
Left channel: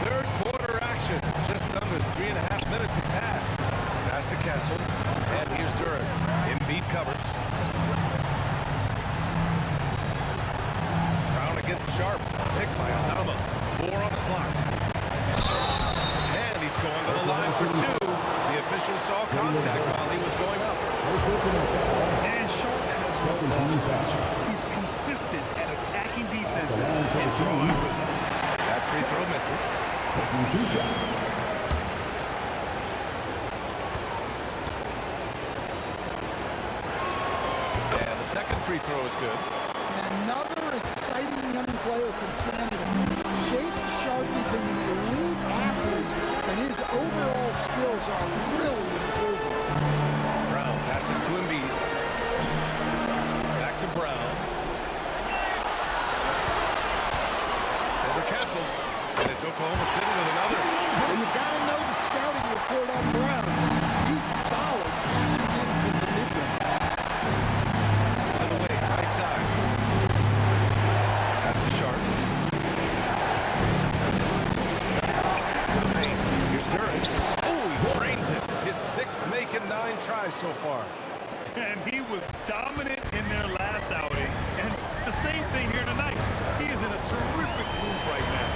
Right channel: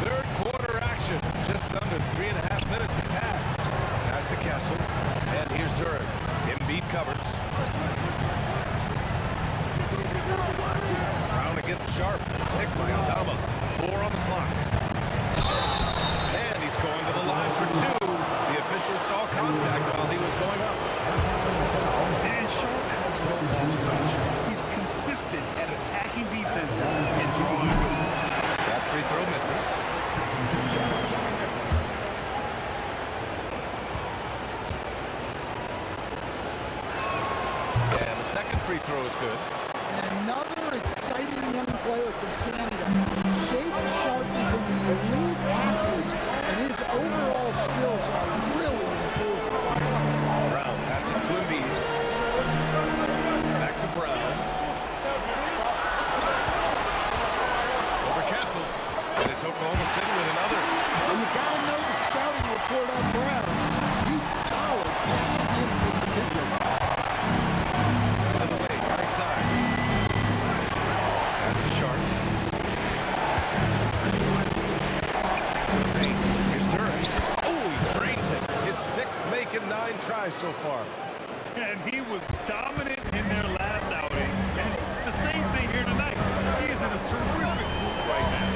Third quarter action. Just under 3.5 minutes have passed. Pass to Castle. And here's Durant. Embiid covers. Brown against Sharp. Picked by Aldama. 4 on the clock. And he's going to the line for 2. The official saw contact while he was going up. And Sharp has no off switch. He's consistent at attacking defenses and drawing whistles. That free throw misses. And the second free throw is good. And another exciting young player from Canada. Shaden Sharp is an elite athlete, and his overall skills are really improving. Brown passes to Embiid. Back to Brown. Over Castle. And it's Oklahoma City with another. Well, you got to know the scouting report on Brown. he's solid cashing in from the mid-range. To the wing, right side. That's to Sharp. To the paint. Here's Duran. Oh, he drains it. His 6th make in 9 tries so far. And he was dominant in their last outing. And the same thing here tonight. He is in a terrific groove right now.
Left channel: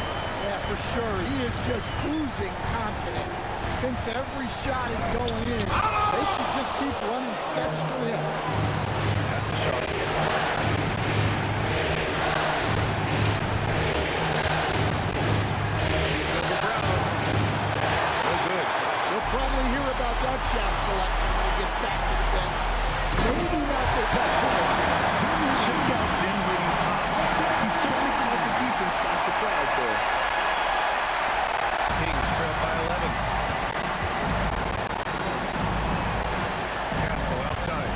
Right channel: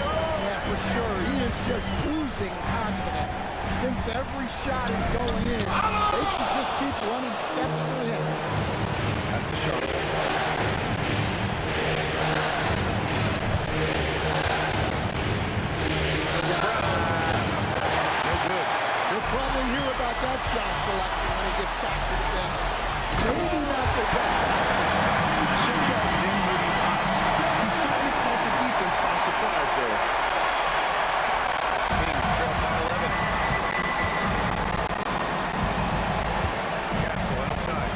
Yeah, for sure. He is just oozing confidence. Thinks every shot is going in. They should just keep running sets for him. That's to Sharp. Over Brown. No good. He'll probably hear about that shot selection when he gets back to the bench. Maybe not their best option. Check out Dinwiddie's hops. He certainly caught the defense by surprise there. Kings trail by 11. Castle outside.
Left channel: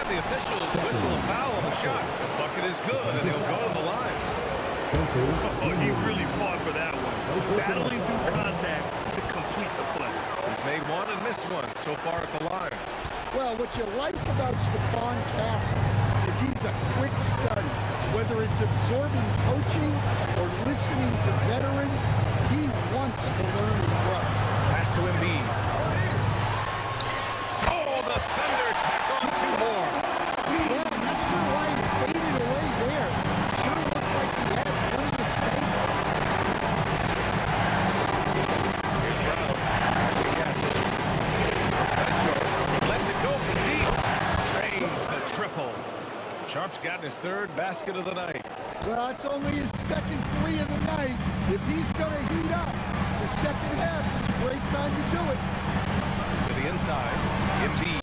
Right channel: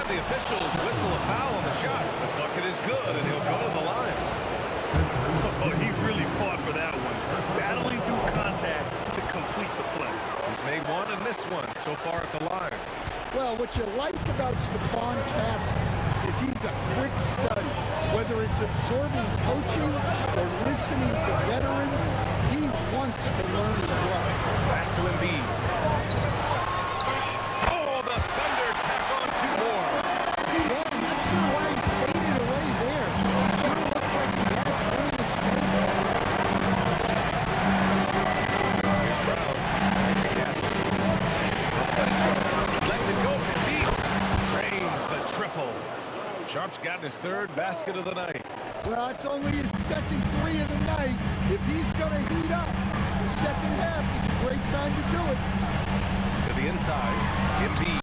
And the officials whistle a foul on the shot. The bucket is good, and he'll go to the line. Oh, he really fought for that one. Battling through contact to complete the play. He's made one and missed one so far at the line. Well, what you like about Stephon Castle is he's a quick study. Whether it's absorbing coaching or listening to veterans, he wants to learn and grow. Pass to Embiid. Oh, the Thunder tack on 2 more. Yeah, not sure why he faded away there. Sure looked like he had plenty of space. Here's Brown. Back to Castle. Outside Sharp. Lets it go from deep. Drains the triple. Sharp's gotten his 3rd basket of the night. Well, it's only his 2nd 3 of the night. If he's going to heat up, the second half is a great time to do it. To the inside. Embiid.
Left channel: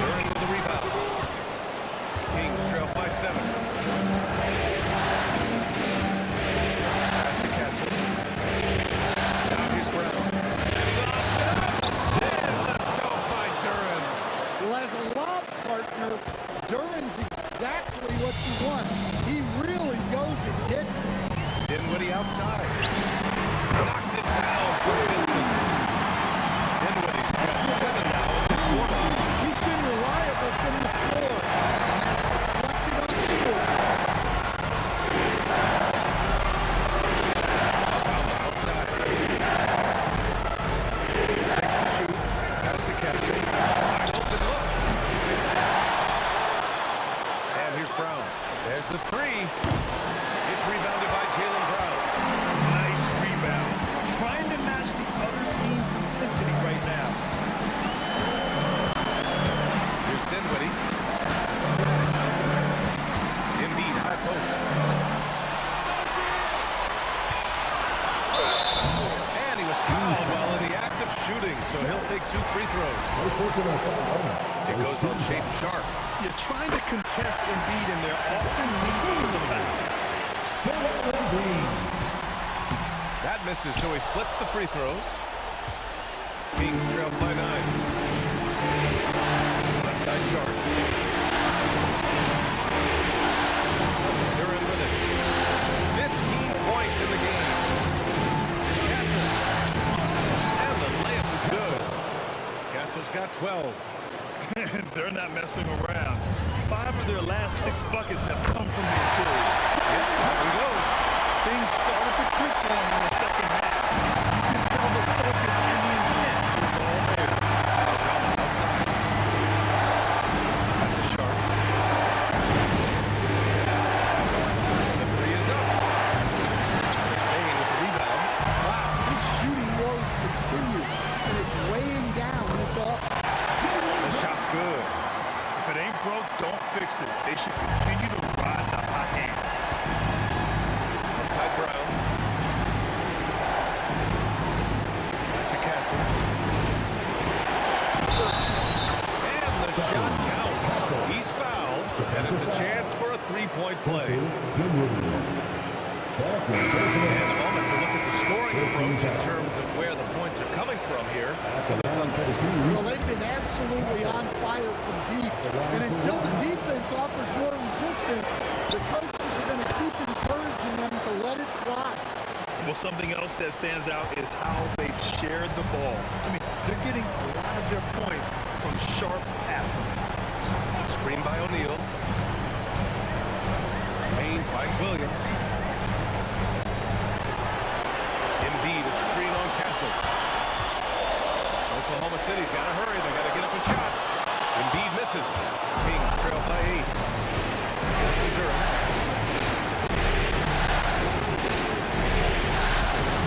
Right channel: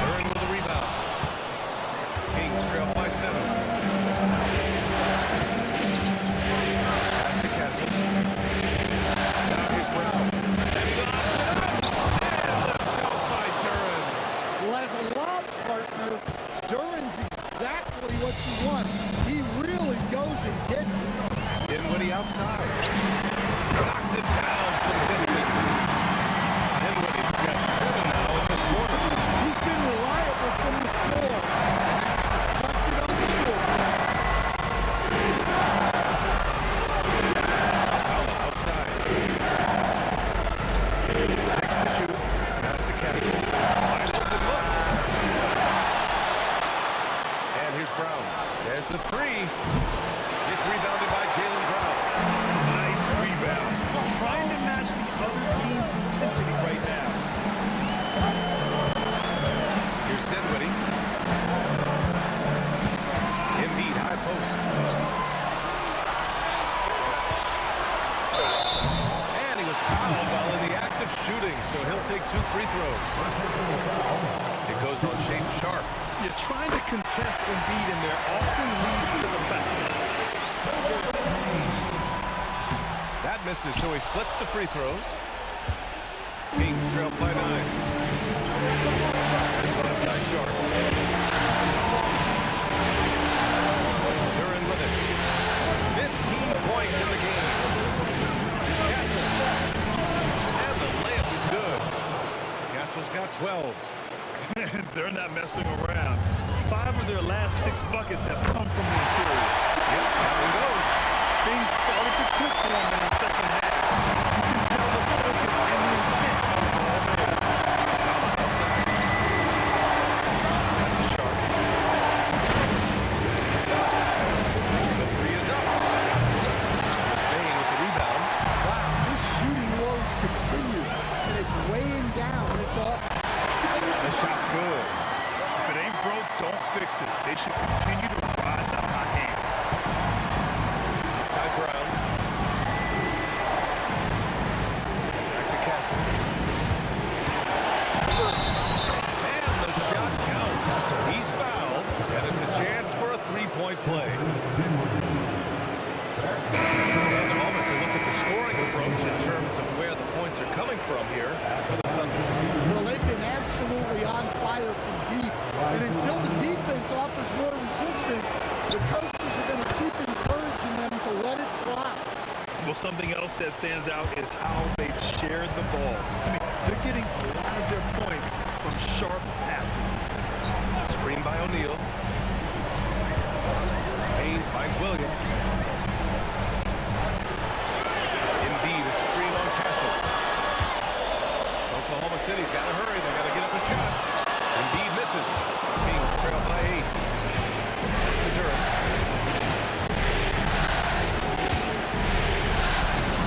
Duran with the rebound. Kings trail by 7. Pass to Castle. Now here's Brown. Lobs it up. And the dunk by Duran. Well, as a lob partner, Duran's exactly what you want. He really goes and gets it. Dinwiddie outside. Knocks it down from distance. Dinwiddie's got 7 now in this quarter. He's been reliable from the floor, and that's reflected on the scoreboard. Alcala outside. 6 to shoot. Pass to Castle. Wide open look. And here's Brown. There's the 3. It's rebounded by Jaylen Brown. Nice rebound. Trying to match the other team's intensity right now. Here's Dinwiddie. Embiid, high post. And he was fouled while in the act of shooting, so he'll take 2 free throws. It goes on Shaedon Sharp. You're trying to contest Embiid, and there often leads to the foul. That misses, so he splits the free throws. Kings trail by 9. Left side Sharp. Duran with it. 15 points in the game. It's Castle. And the layup is good. Castle's got 12. They're not messing around. 5 of their last 6 buckets have come from the interior. Yep, that one goes. Things started to click for him in the second half. You can tell the focus and the intent is all there. Alcala outside. Pass to Sharp. The 3 is up. And it's Bain with the rebound. Wow, his shooting woes continue, and it's weighing down this offense. The shot's good. If it ain't broke, don't fix it. They should continue to ride the hot hand. Outside Brown. Back to Castle. And the shot counts. He's fouled, and it's a chance for a 3-point play. And a moment to look at the scoring approach in terms of where the points are coming from here for the Thunder. Well, they've been absolutely on fire from deep. And until the defense offers more resistance, the coaches are going to keep encouraging them to let it fly. Well, something else that stands out is how they've shared the ball. I mean, They're getting a lot of their points from sharp passing. Screen by O'Neal. Payne finds Williams. Embiid, a screen on Castle. Oklahoma City's got to hurry. They got to get up a shot. Embiid misses. Kings trail by 8. That's to Durham.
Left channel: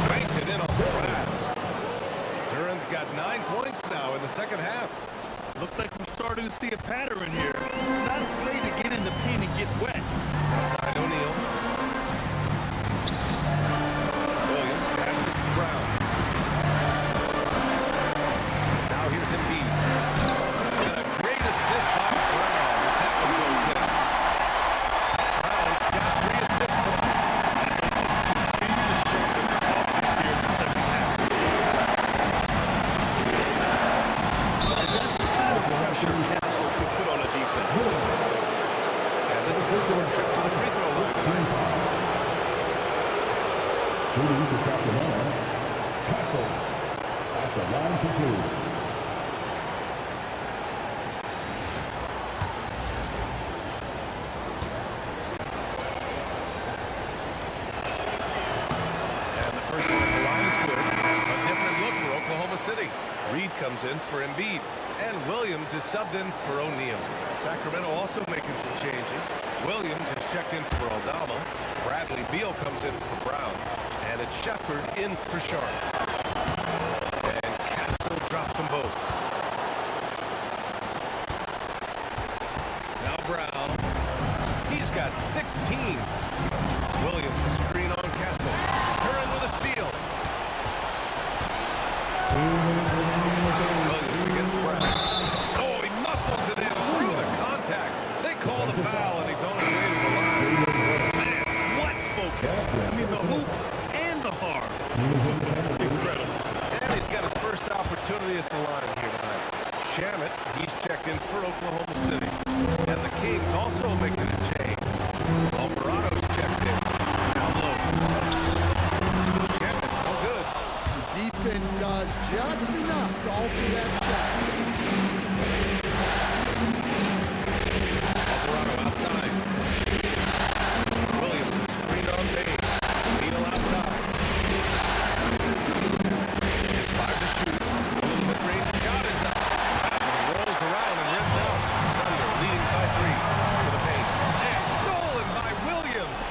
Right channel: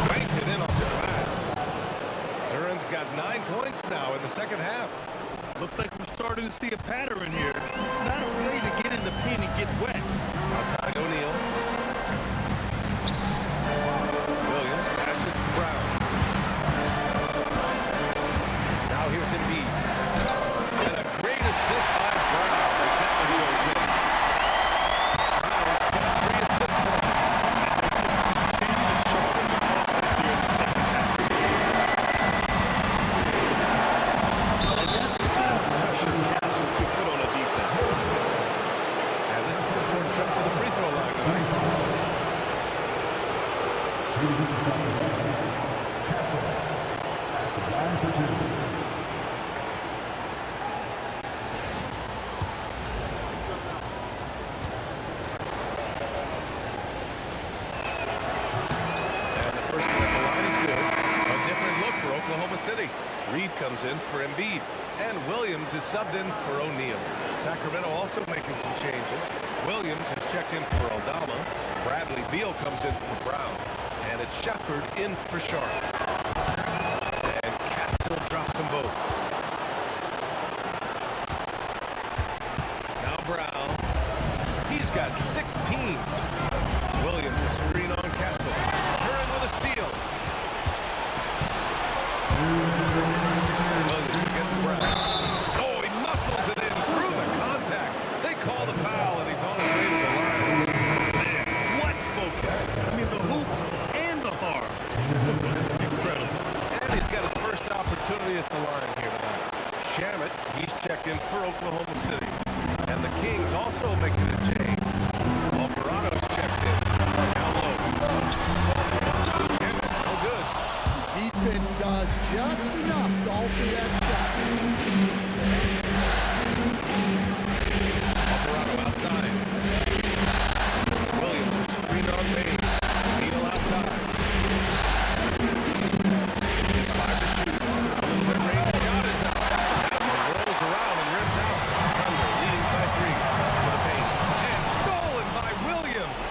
Banked it in off the glass. Duran's got 9 points now in the second half. Looks like we're starting to see a pattern here. Not afraid to get in the paint and get wet. Outside O'Neal. Williams passes to Brown. Now here's Embiid. And a great assist by Brown as that one goes in. Brown's got 3 assists tonight. And they just continue to sharpen their offense here in the second half. And that's the kind of pressure Castle could put on a defense. And this is his 4th trip to the free throw line tonight. Shooting for Sacramento, Castle at the line for 2. For Oklahoma City. Reed comes in for Embiid, and Williams is subbed in for O'Neal. Sacramento also making some changes. Williams has checked in for Aldama. Bradley Beal comes in for Brown, and it's Shepard in for Sharp. And Castle drops them both. Now Brown. He's got 16. Williams a screen on Castle. Curran with a steal. Williams against Brown. Oh, he muscles it in through the contact. They call the foul, and he's on his way to the line. Man, what focus. I mean, the hoop and the harm. Incredible. And he's got his first opportunity at the line here tonight. Shamet, he's checked in for Oklahoma City. And the Kings also making a change. Alvarado's checked in. Down low. Shamet, no good. Defense does just enough to alter that shot. Alvarado outside. Williams is screened on Payne. Neal outside. It's 5 to shoot. A little bit range shot is up. That one rolls around and rims out. Thunder leading by 3 to the paint. And stolen by Williams.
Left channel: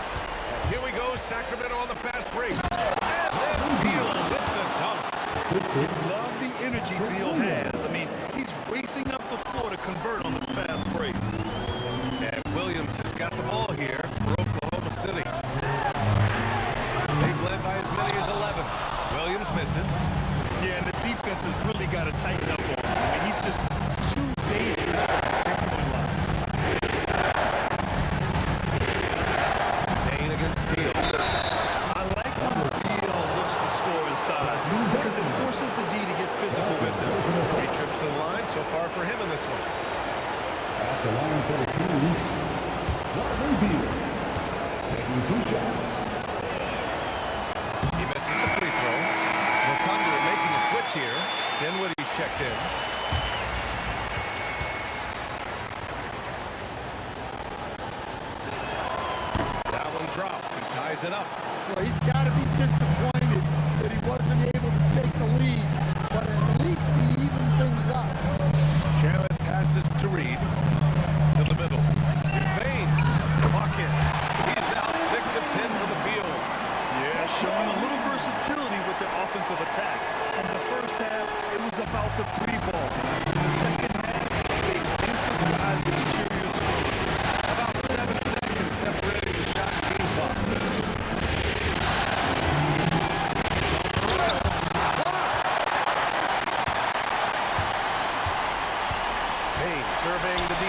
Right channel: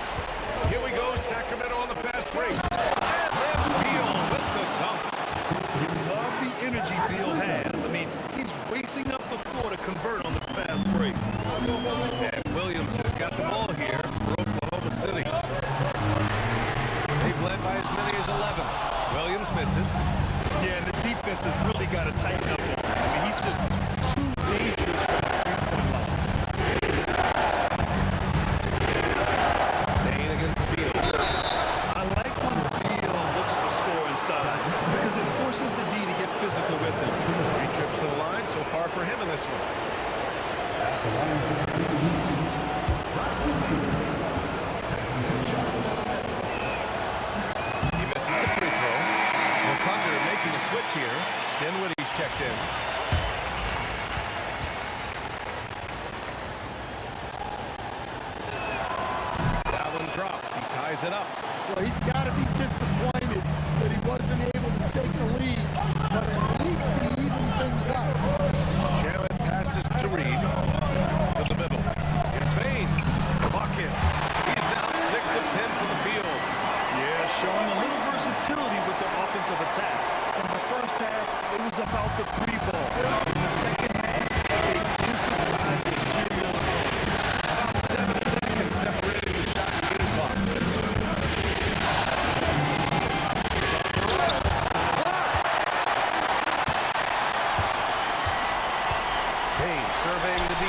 And here we go, Sacramento on the fast break. And then Beal with the dunk. You love the energy Beal has. I mean, he's racing up the floor to convert on the fast break. And Williams has got the ball here for Oklahoma City. They've led by as many as 11. Williams misses. Yeah, and the defense has really got to tighten up on him. I mean, he's just too dangerous from the three-point line. Payne against Beal. I like when Beal looks to score inside because it forces the D to get physical with him. 3 trips to the line so far for him in this one. At the line for the Kings, Bradley Beal, taking 2 shots. He misses the free throw. The Thunder making a switch here. Dinwiddie's checked in. That one drops. He ties it up. Well, he's got to be disappointed that he wasn't able to take the lead, but at least he evened things up. Shamet passes to Reed. To the middle. Here's Payne. Buckets. He's now 6 of 10 from the field. Yeah, showing a little versatility with their offensive attack. In the first half, it was about the 3-ball. In the second half, they emphasized the interior scoring. About 7 seconds separating the shot and game clock. Payne surveying the D.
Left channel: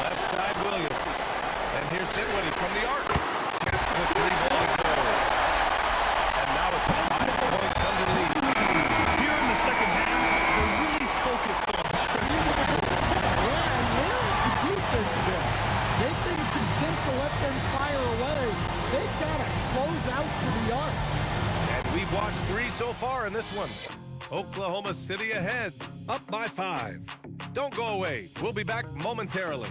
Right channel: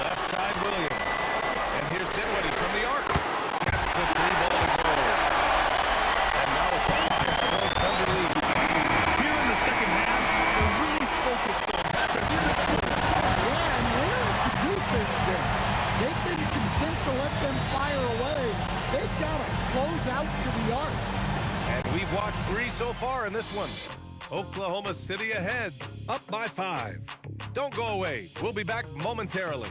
Left side Williams. And here's Dinwiddie from the arc. Gets the 3-ball to go. And now it's a 5-point Thunder lead. Here in the second half, they're really focused on stretching the floor. Yeah, and where has the defense been? They've been content to let them fire away. They've got to close out to the arc. And we've watched 3 so far in this one. Oklahoma City ahead, up by 5. Don't go away. We'll be back momentarily.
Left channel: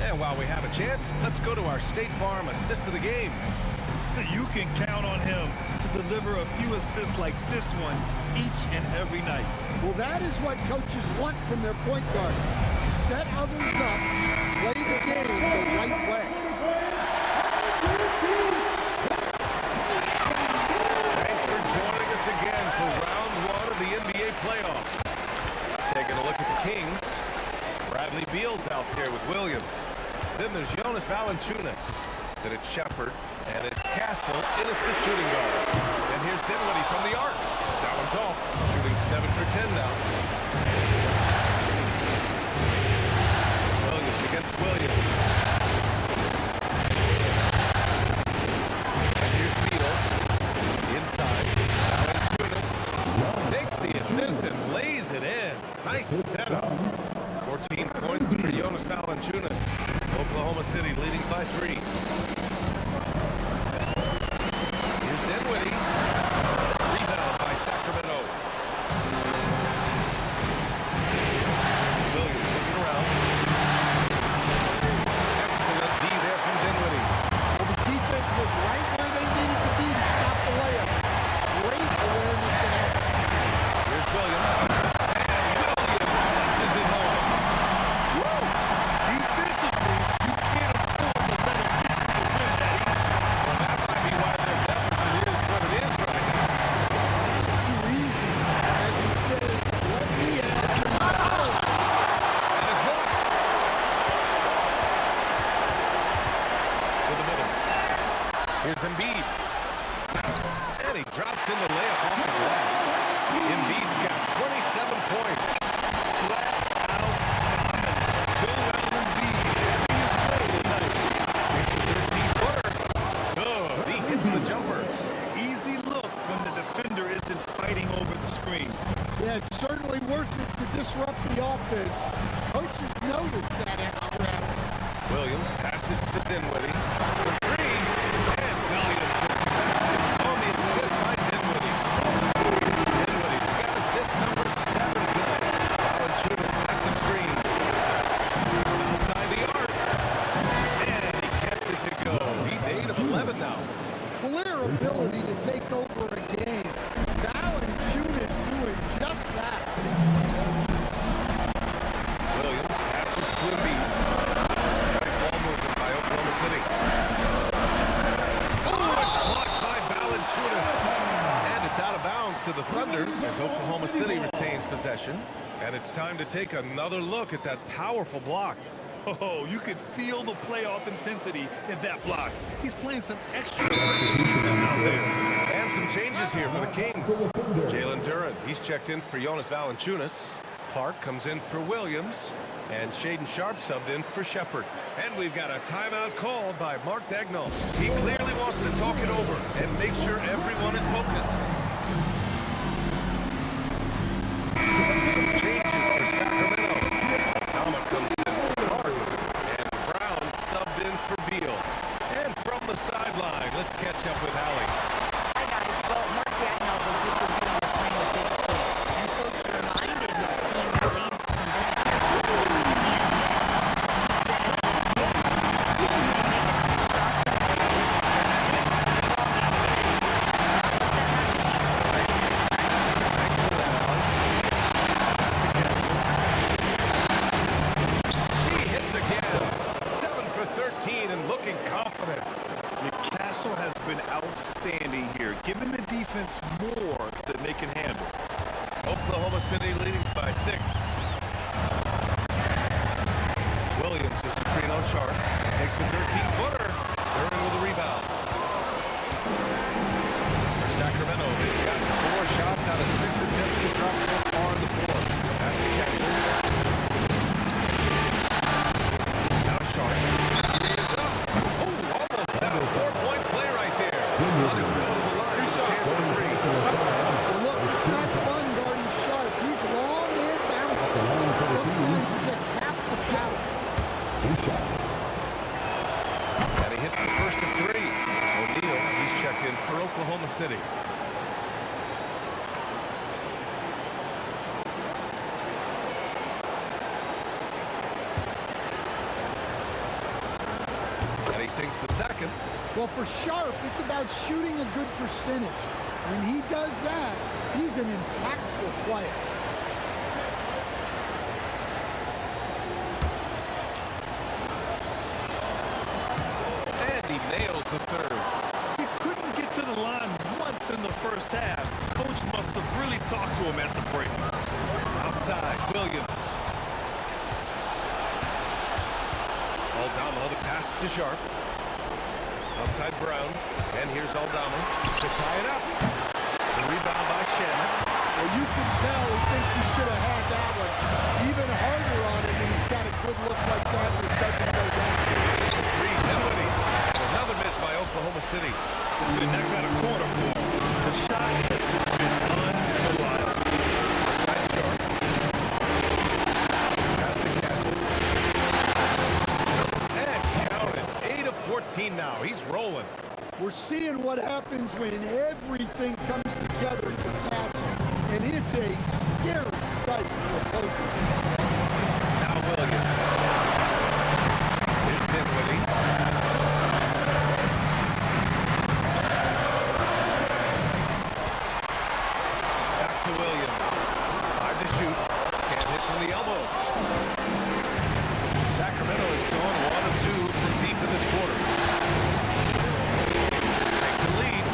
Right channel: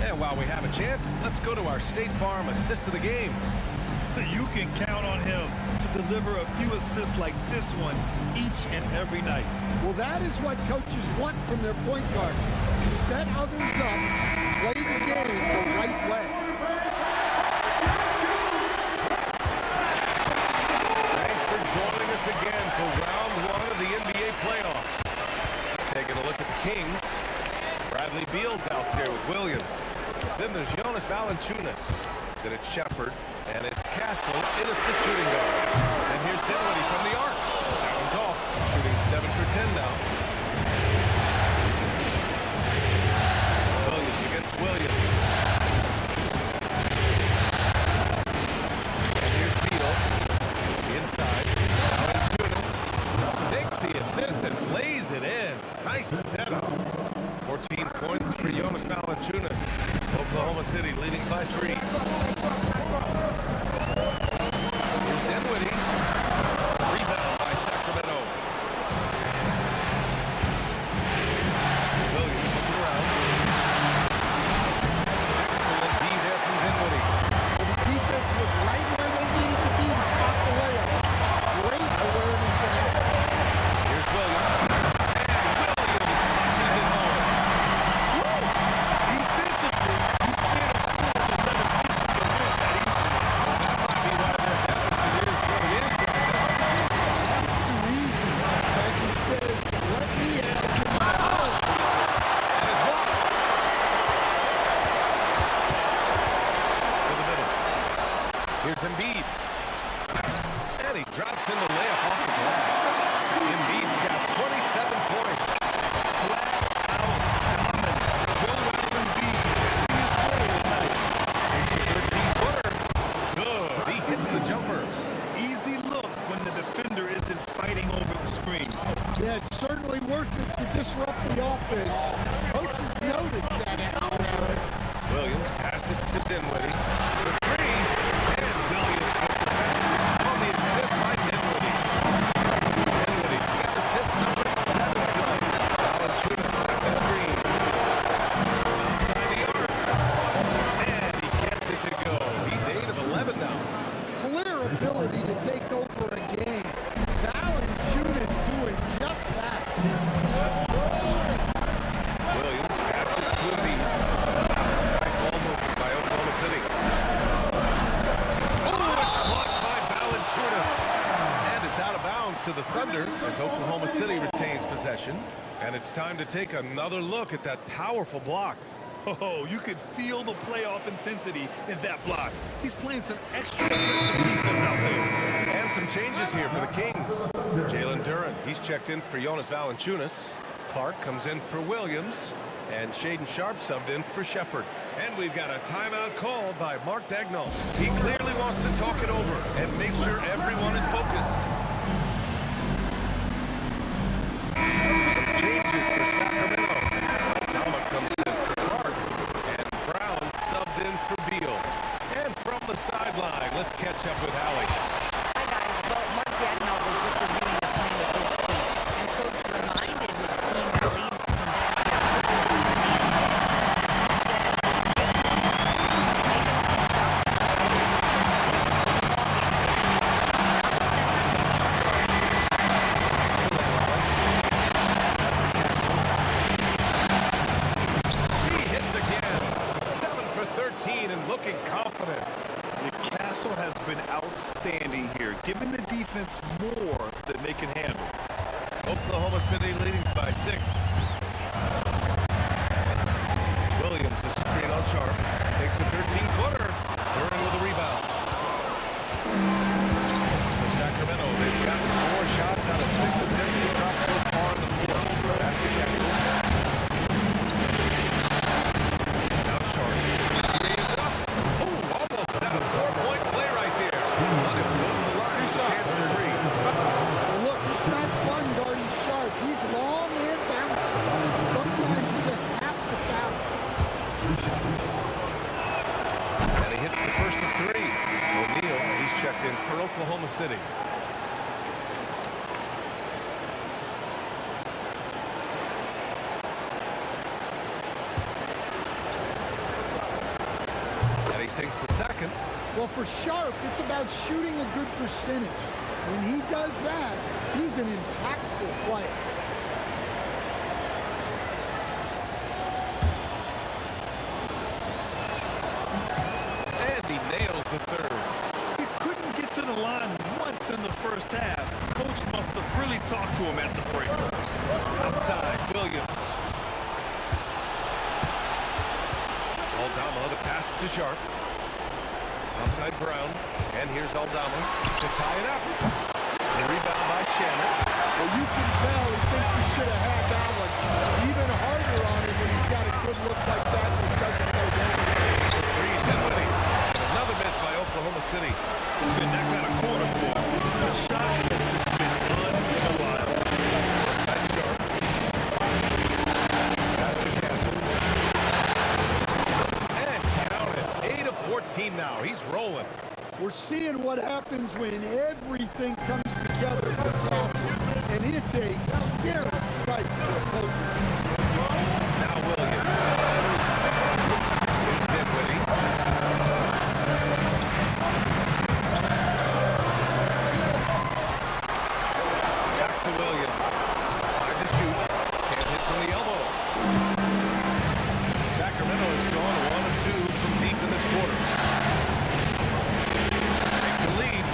And while we have a chance, let's go to our State Farm assist of the game. You can count on him to deliver a few assists like this one each and every night. Well, that is what coaches want from their point guard. Set others up, play the game the right way. Thanks for joining us again for round 1 of the NBA playoffs. Taking a look at the Kings. Bradley Beal's out there with Williams. Then there's Jonas Valanciunas. Then it's Shepard. And it's Castle in at the shooting guard. And here's Dinwiddie from the arc. That one's off. Shooting 7 for 10 now. Williams against Williams. And here's Beal. Inside. Valanciunas takes the assist and lays it in. Nice setup. 14 points for Jonas Valanciunas. Oklahoma City leading by 3. Here's Dinwiddie. Rebound by Sacramento. Williams looking around. Excellent D there from Dinwiddie. Well, the defense was right where they needed to be to stop the layup. Great awareness and effort. Here's Williams. And Williams punches it home. Woo! Defensively, you can't afford to let him get to the rim that easily. Well, that might be why their deficit is what it is right now. That's too easy. As he says, let me add to my own. And it's blocked. To the middle. Here's Embiid. And he drops in the layup off the glass. Embiid's got 27 points. Flat out dominant. Joel Embiid having his way tonight. Takes the 13-footer. Good. He hits the jumper. Easy look when the defender isn't fighting over the screen. Yeah, it's certainly worth it to disrupt the offense. Coaches notice that extra effort. Williams passes to Dinwiddie for 3. And Williams with the basket on the assist by Dinwiddie. Dinwiddie's got assist number 7 tonight. Valanciunas sets a screen from outside the arc. And he gets it to go. He's 8 of 11 now. Clear ability to take over a game. Valanciunas doing just that. Williams passes to Embiid. Nice ball movement by Oklahoma City. Oh, it's blocked by Valanciunas. And it's out of bounds to the Thunder as Oklahoma City retains possession. And it's time to take another look at that powerful block. Oh, you could feel the playoff intensity in that block. He's playing some extra aggressive defense out there. And some changes here for the Kings. Jalen Duren, he's checked in for Jonas Valanciunas. Clark comes in for Williams. And Shaden Sharp subbed in for Shepard. And we've got a timeout called by Mark Dagnall. He clearly wants to talk it over and make sure everyone is focused. Some changes for Sacramento. Aldama comes in for Clark. And Brown subbed in for Beal. And from the sideline, let's catch up with Hallie. Hi, guys. Well, Mark Dagnall was just reviewing the plan with his team. And Coach reminded his team that leads can disappear quickly in the NBA. He said if they get loose, they make a few shots in a row, this is a ball game again. Not let that happen here. Thanks for that, Allie. That's the Castle. He hits again. 7 for 13 and looking confident. Castle has been outstanding here, giving the defense more than they can handle. Oklahoma City leading by 6. Williams is screen on Sharp. Takes a 13-footer. They're in with a rebound. For Sacramento, they've got 4 shots out of 6 attempts to drop so far in the 4th. Pass to Castle. Now Sharp. He is up. Oh, almost had a 4-point play right there. But he'll go to the line with a chance for 3. 3 shots. And he hits the first of 3. O'Neal, he's checked in for Oklahoma City. And he sinks the second. Well, for Sharp, it's about shooting a good percentage. When he does that, he's an impactful player. And he nails the third. He couldn't get to the line once in the first half. Coach must have really talked to him at the break. Outside, Williams. Aldama, the pass to Sharp. Outside Brown. And here's Aldama to tie it up. The rebound by Shamet. Well, you can tell he thinks he should have had that one. Even harder on him when he's got a good look like that and it doesn't go down. For 3, Dinwiddie. And another miss by Oklahoma City. It's been that kind of quarter for him. The shot has just been unreliable. Outside Sharp. Pass to Castle. And count it. 8 of 14 now. He's rolling. We're seeing what happens when everything comes together for Castle, and it's a scary sight for opposing. Now Williams. Here's Dinwiddie. Back to Williams. 5 to shoot. Can't hit from the elbow. Sacramento has gone 1 of 2 from deep in this quarter. The lead.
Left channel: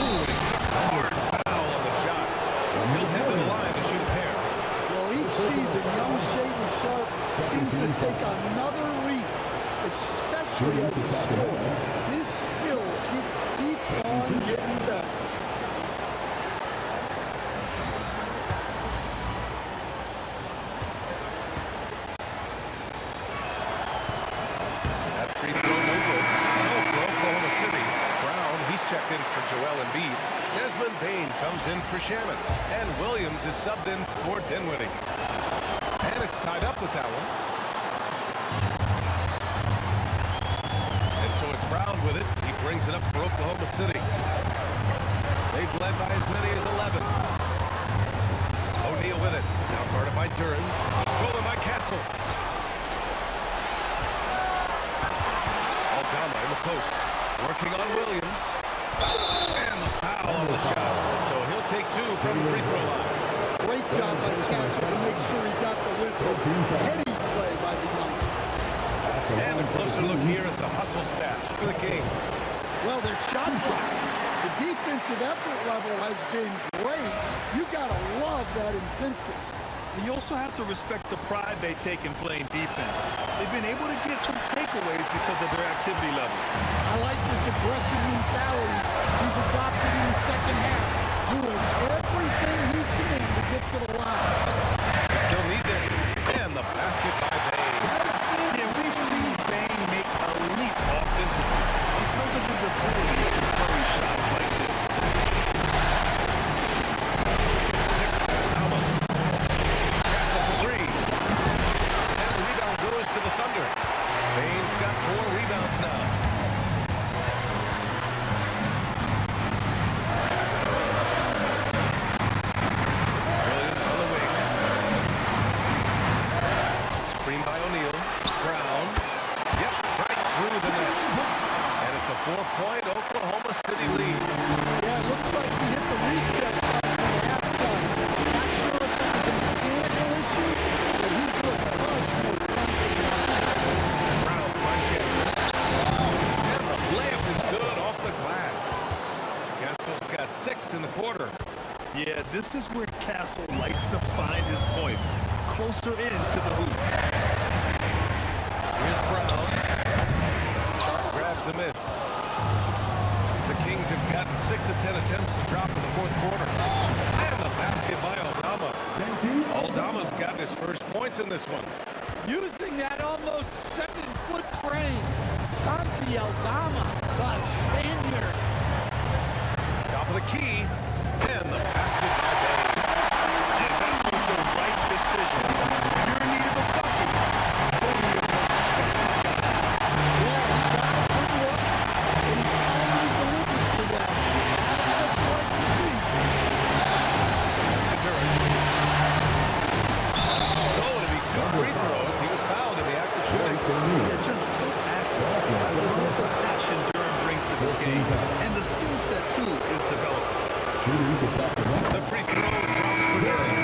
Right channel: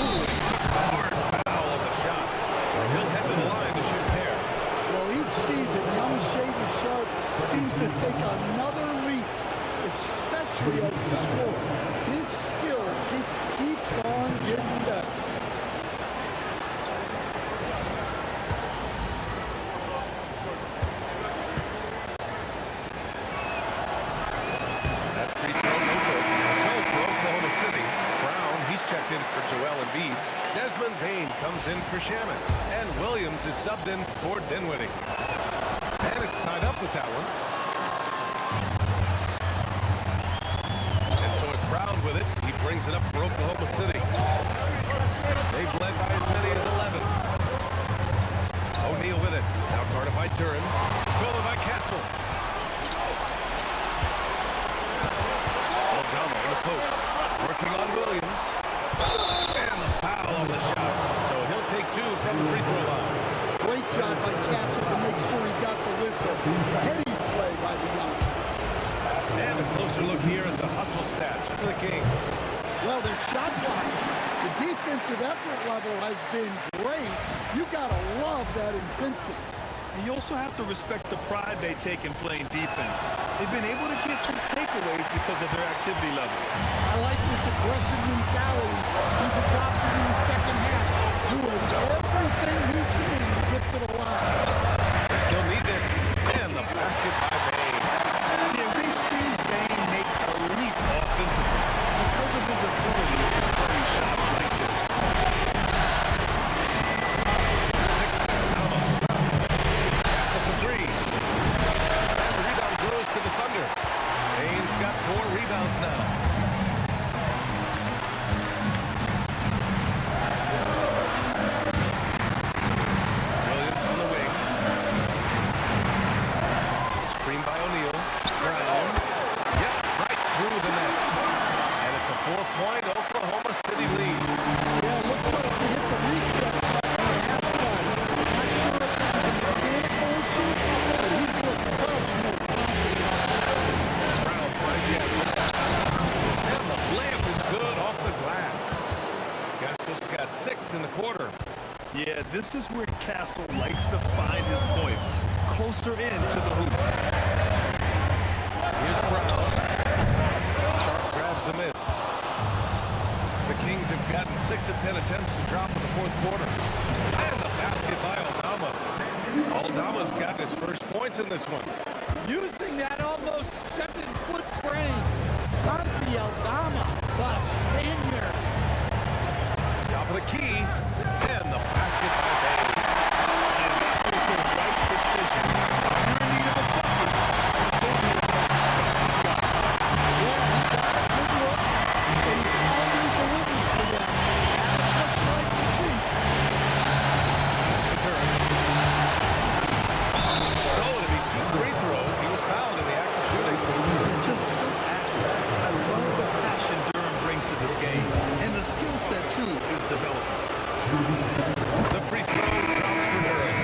Ooh, he took a hard foul on the shot. So he'll head to the line to shoot a pair. Well, each season, young Shaden Sharp seems to take another leap, especially as a scorer. His skill just keeps on getting better. That free throw, no good. So for Oklahoma City, Brown, he's checked in for Joel Embiid. Desmond Bane comes in for Shamet. And Williams is subbed in for Dinwiddie. And it's tied up with that one. And so it's Brown with it. He brings it up for Oklahoma City. They've led by as many as 11. O'Neal with it. Now guarded by Duran. Stolen by Castle. Aldama in the post. Working on Williams. And the foul on the shot. So he'll take 2 from the free throw line. Great job by Castle to make sure he got the whistle. Heady play by the youngster. And a closer look here at the hustle stats for the Kings. Well, their shot blocking. The defensive effort level has been great. You gotta love that intensity. And you also have to respect the pride they take in playing defense. They've been able to get some takeaways because of their activity level. I like this aggressive mentality he's adopted in the second half, doing everything he can to get to the line. They still need this. And the basket by Bane. Yeah, we've seen Bane make a leap offensively because of his ability to bury shots like this. Castle for 3. And the rebound goes to the Thunder. Bane's got 4 rebounds now. Williams on the wing. Screen by O'Neal. Brown. Yep, right through the net. And it's a 4-point Oklahoma City lead. Yeah, it looks like he hit the reset button at halftime. Not sure if it was a mechanical issue, but he's looked much more confident on that. Brown finds Castle. And the layup is good off the glass. Castle's got 6 in the quarter. Yeah, this is where Castle likes to find his points, closer in to the hoop. Here's Brown. Sharp grabs the miss. The Kings have gotten 6 of 10 attempts to drop in the fourth quarter. And the basket by Aldama. Aldama's gotten his first points in this one. Using that almost 7-foot frame, Santi Aldama, the Spaniard. Top of the key. And the basket by Bane. And that was the right decision. When you're in need of a bucket, go to your most trusted Yeah, just so active. I love the passion Durham brings to this game. And the skill set, too, is developing. The free throw drops for Durham.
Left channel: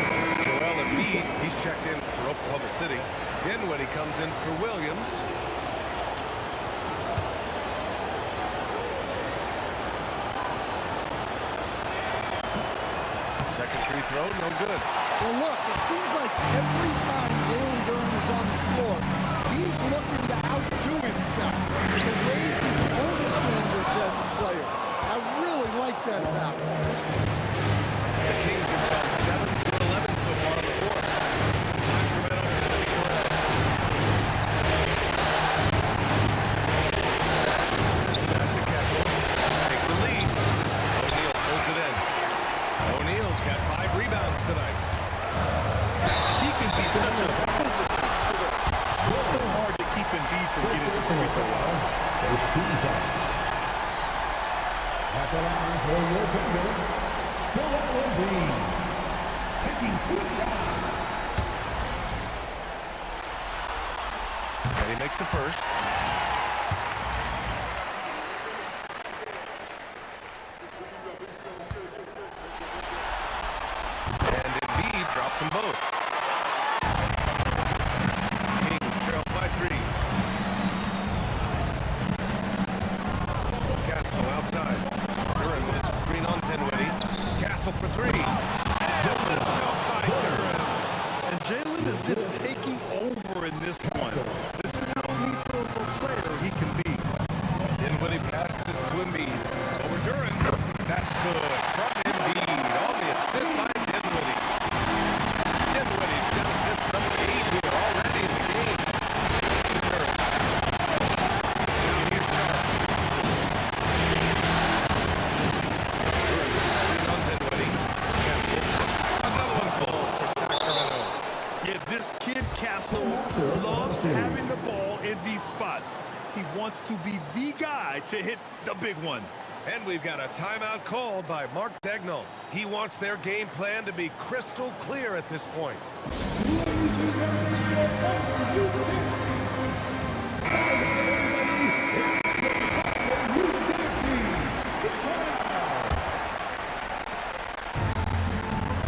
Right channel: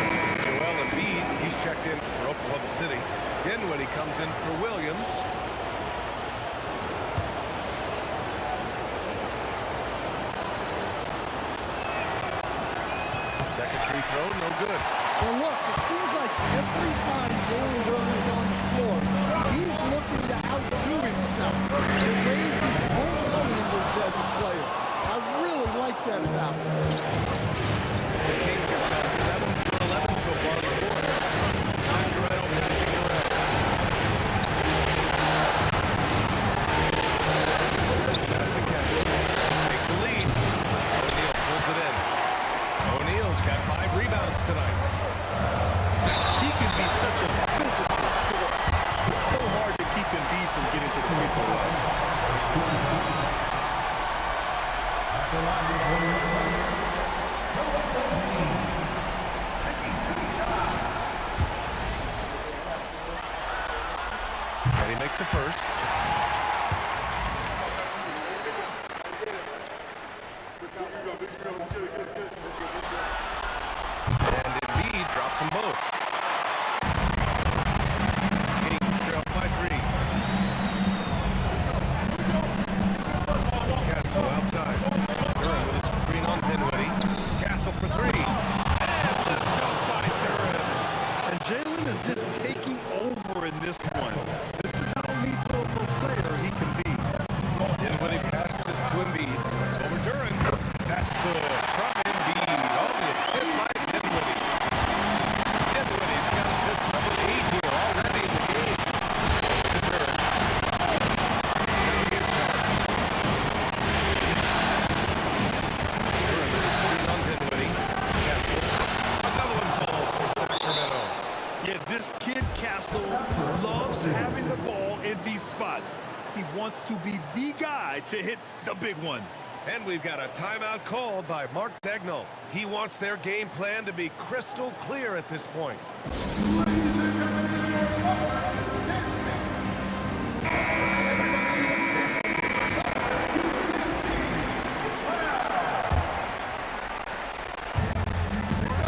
Joel Embiid, he's checked in for Oklahoma City. Dinwiddie comes in for Williams. Second free throw, no good. Well, look, it seems like every time Jalen Durham is on the floor, he's looking to outdo himself, to raise his own standards as a player. I really like that about him. The Kings have gone 7 for 11 so far in the fourth. Sacramento passing around. Pass to Kessel. Take the lead. O'Neal pulls it in. O'Neal's got 5 rebounds tonight. He can be such a physical force. It's so hard to keep Embiid from getting to the free throw line. First team foul. At the line for your thunder, Joel Embiid, taking 2 shots. And he makes the first. And Embiid drops them both. Kings trail by 3. Castle outside. Durham with a screen on Dinwiddie. Castle for 3. And the dunk by Durham. And Jalen is just taking over in this one. This is how lethal of a player he can be. Dinwiddie passes to Embiid. Over Durham. That's good. From Embiid. On the assist by Dinwiddie. Dinwiddie's got assist number 8 here already in the game. To Durham. Now here's Sharp. Durham with a screen on Dinwiddie. Castle. Another one falls for Sacramento. Yeah, this kid Castle loves having the ball in these spots. He wants to be the guy to hit the big one. And we've got a timeout called by Mark Dagnall. He wants their game plan to be crystal clear at this point.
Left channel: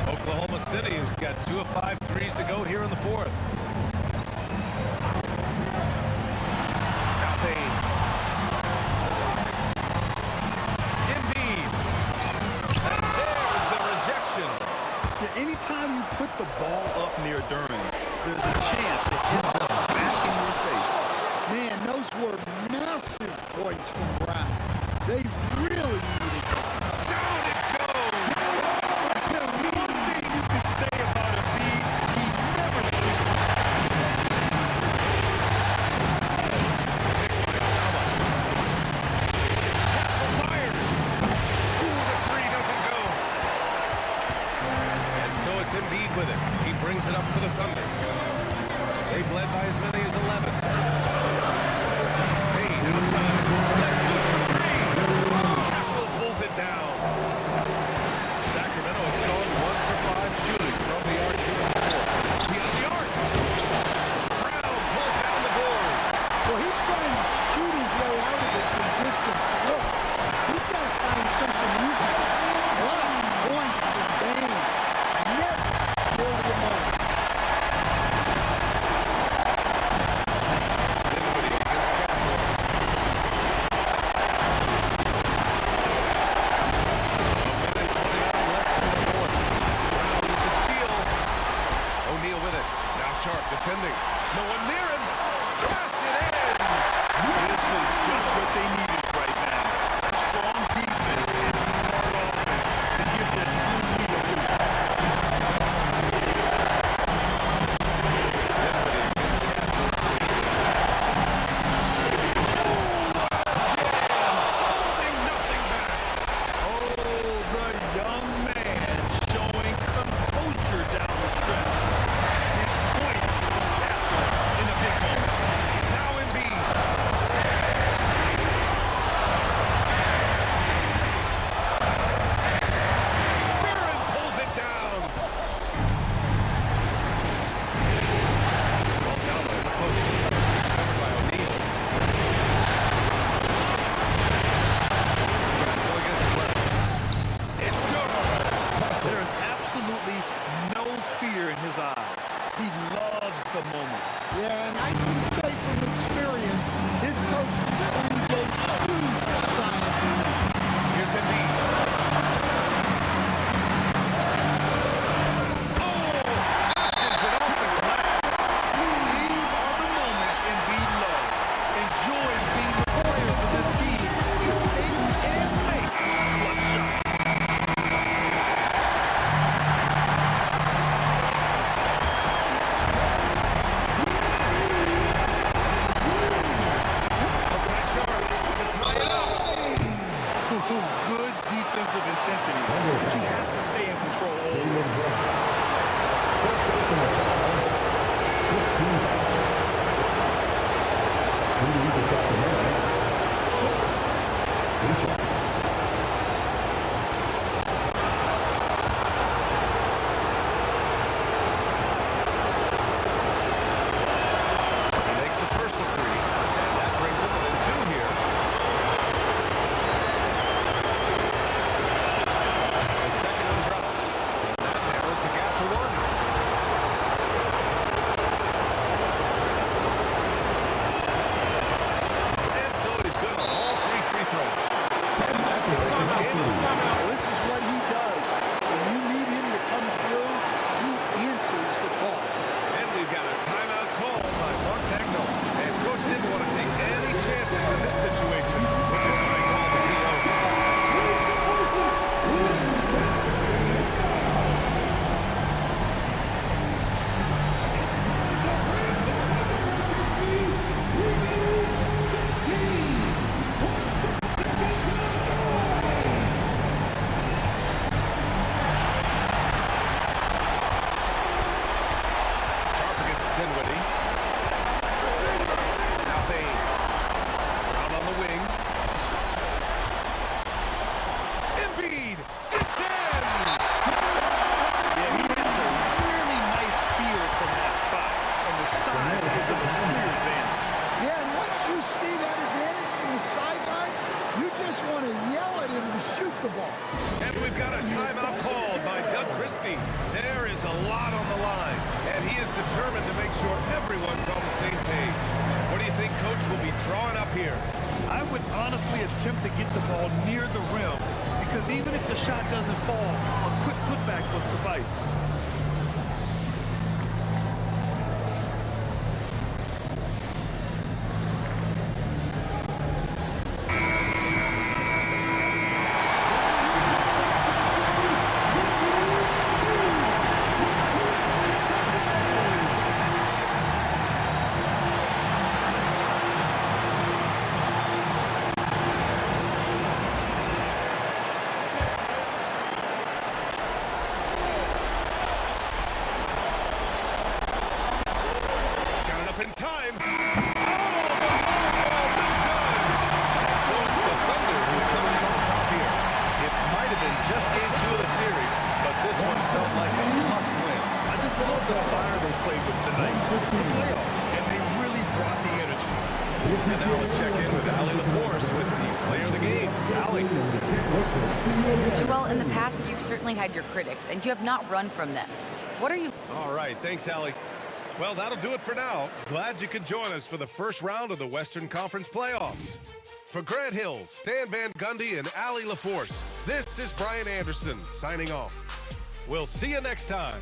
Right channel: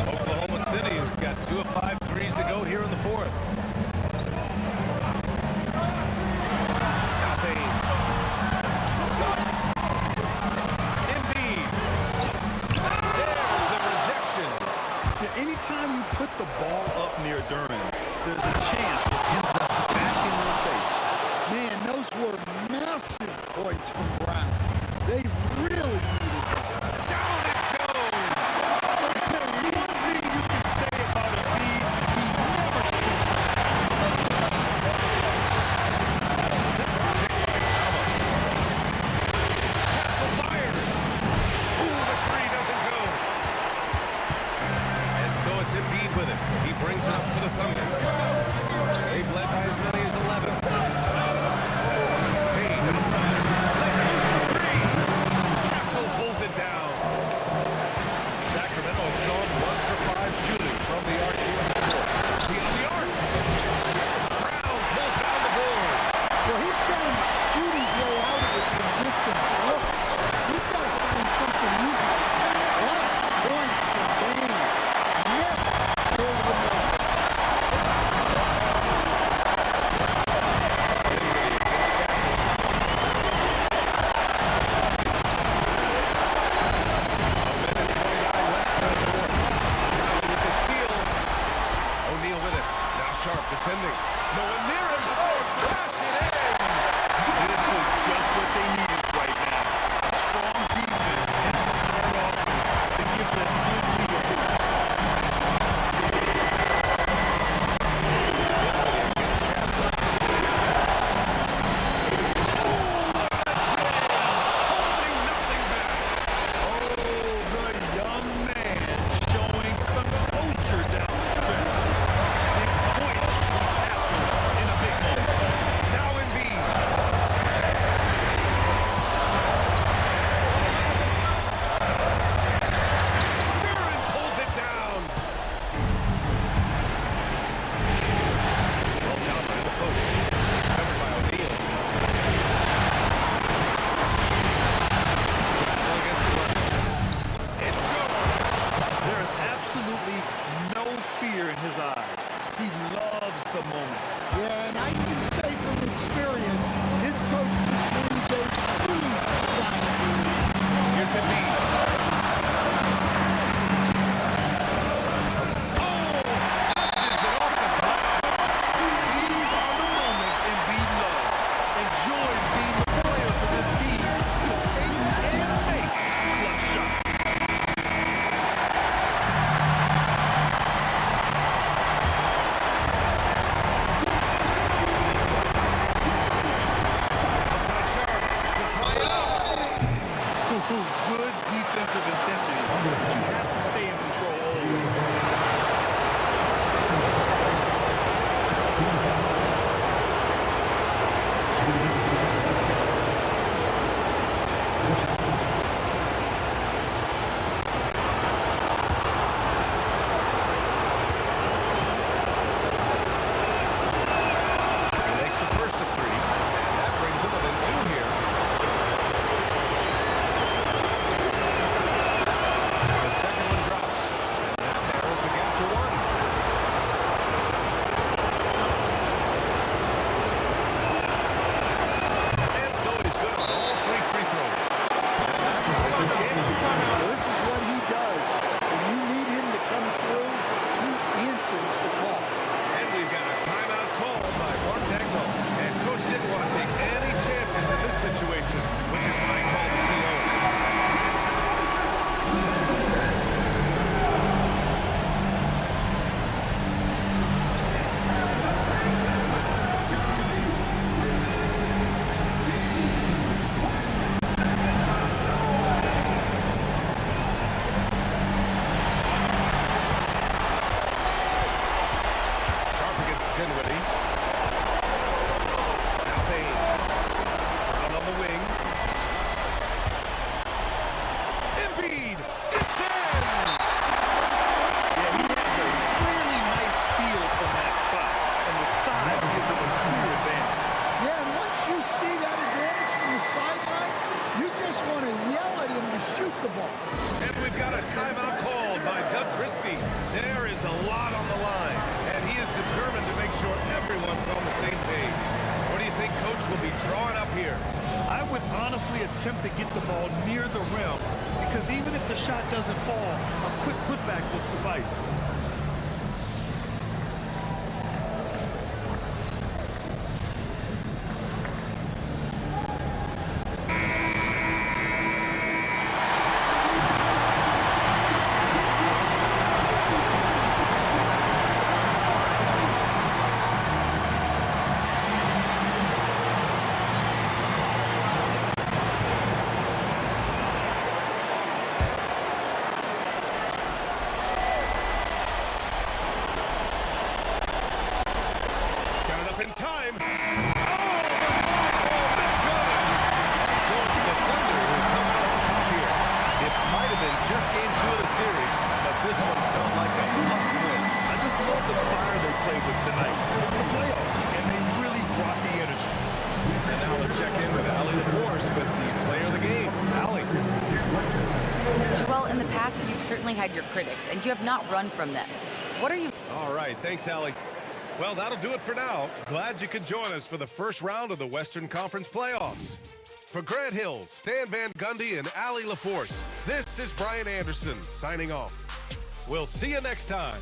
Oklahoma City has got 2 of 5 threes to go here in the fourth. Now Bain. Embiid. And there's the rejection. Yeah, anytime you put the ball up near Durham, there's a chance it ends up back in your face. Man, those were massive points from Brown. They really needed it. Down it goes. One thing you can say about Embiid, he never shoots. Castle fires. Ooh, the 3 doesn't go. And so it's Embiid with it. He brings it up for the Thunder. They've led by as many as 11. Payne outside. Let's loose for 3. Castle pulls it down. Sacramento has gone 1 for 5 shooting from the arc here in the fourth. Beyond the arc. Brown pulls down the board. Well, he's trying to shoot his way out of it from distance. But look, he's got to find something easy. A lot of points from Bain. Never scared of the moment. Dinwiddie against Castle. A minute 29 left in the fourth. Brown with the steal. O'Neal with it. Now Sharp defending. No one near him. Cash it in. This is just what they needed right now. A strong defense and smart offense to give their slim lead a boost. Dinwiddie against Castle. Oh, what a jam! Holding nothing back. Oh, the young man showing composure down the stretch. Big points from Castle in a big moment. Now Embiid. from experience, his coach just breathed a huge sigh of relief. Here's Embiid. Oh, touches it off the glass. These are the moments Embiid loves. Enjoys being the player for this team to take and make clutch shots. Outside Sharp to tie it up. Good defensive intensity, but you have to stay in control always. 15 fouls. Shooting for Sacramento. 2 shots. He makes the first of 3, and that brings him within 2 here. The second one drops, and that narrows the gap to 1. And so he's good on all 3 free throws. And that ties this game up. Well, this is what he does. When you need him to come through, he answers the call. And we've got a timeout call by Mark Dagnall. And Coach didn't want to take any chances in this situation, which is why he called the TO. Sharp against Dinwiddie. Now Payne. Brown on the wing. Embiid! It's in! Yeah, he has a really nice feel from that spot, and the size gives him a clear advantage. Yeah, and once you see that advantage from the sideline, you just want to yell at him to shoot the ball. And we've got a timeout called by Doug Christie. There is a lot on the line, and he is determined to make sure everyone's on the same page. What do you think Coach will be drawing up here? I would honestly attempt to get the ball near the rim, because even if the shot doesn't fall, a quick putback will suffice. Got it up in time. Oh, the long ball, no good. And so it's the Thunder who come out on top here. It might have been just game 2 of the series, but this one felt like a must-win. I just love the fire they played with tonight. It's the playoffs, and they really brought the energy. And now let's check in with Allie LaForce with the player of the game. Allie. Joel, in the past, you've certainly had your critics, and you have not run from them. What are you... All right, thanks, Allie. Well, that'll do it for now. Glad you could join us for the first round of the Western Conference playoffs. For Grant Hill, Stan Van Gundy, and Allie LaForce, this is Brian Anderson signing off. We'll see you next time.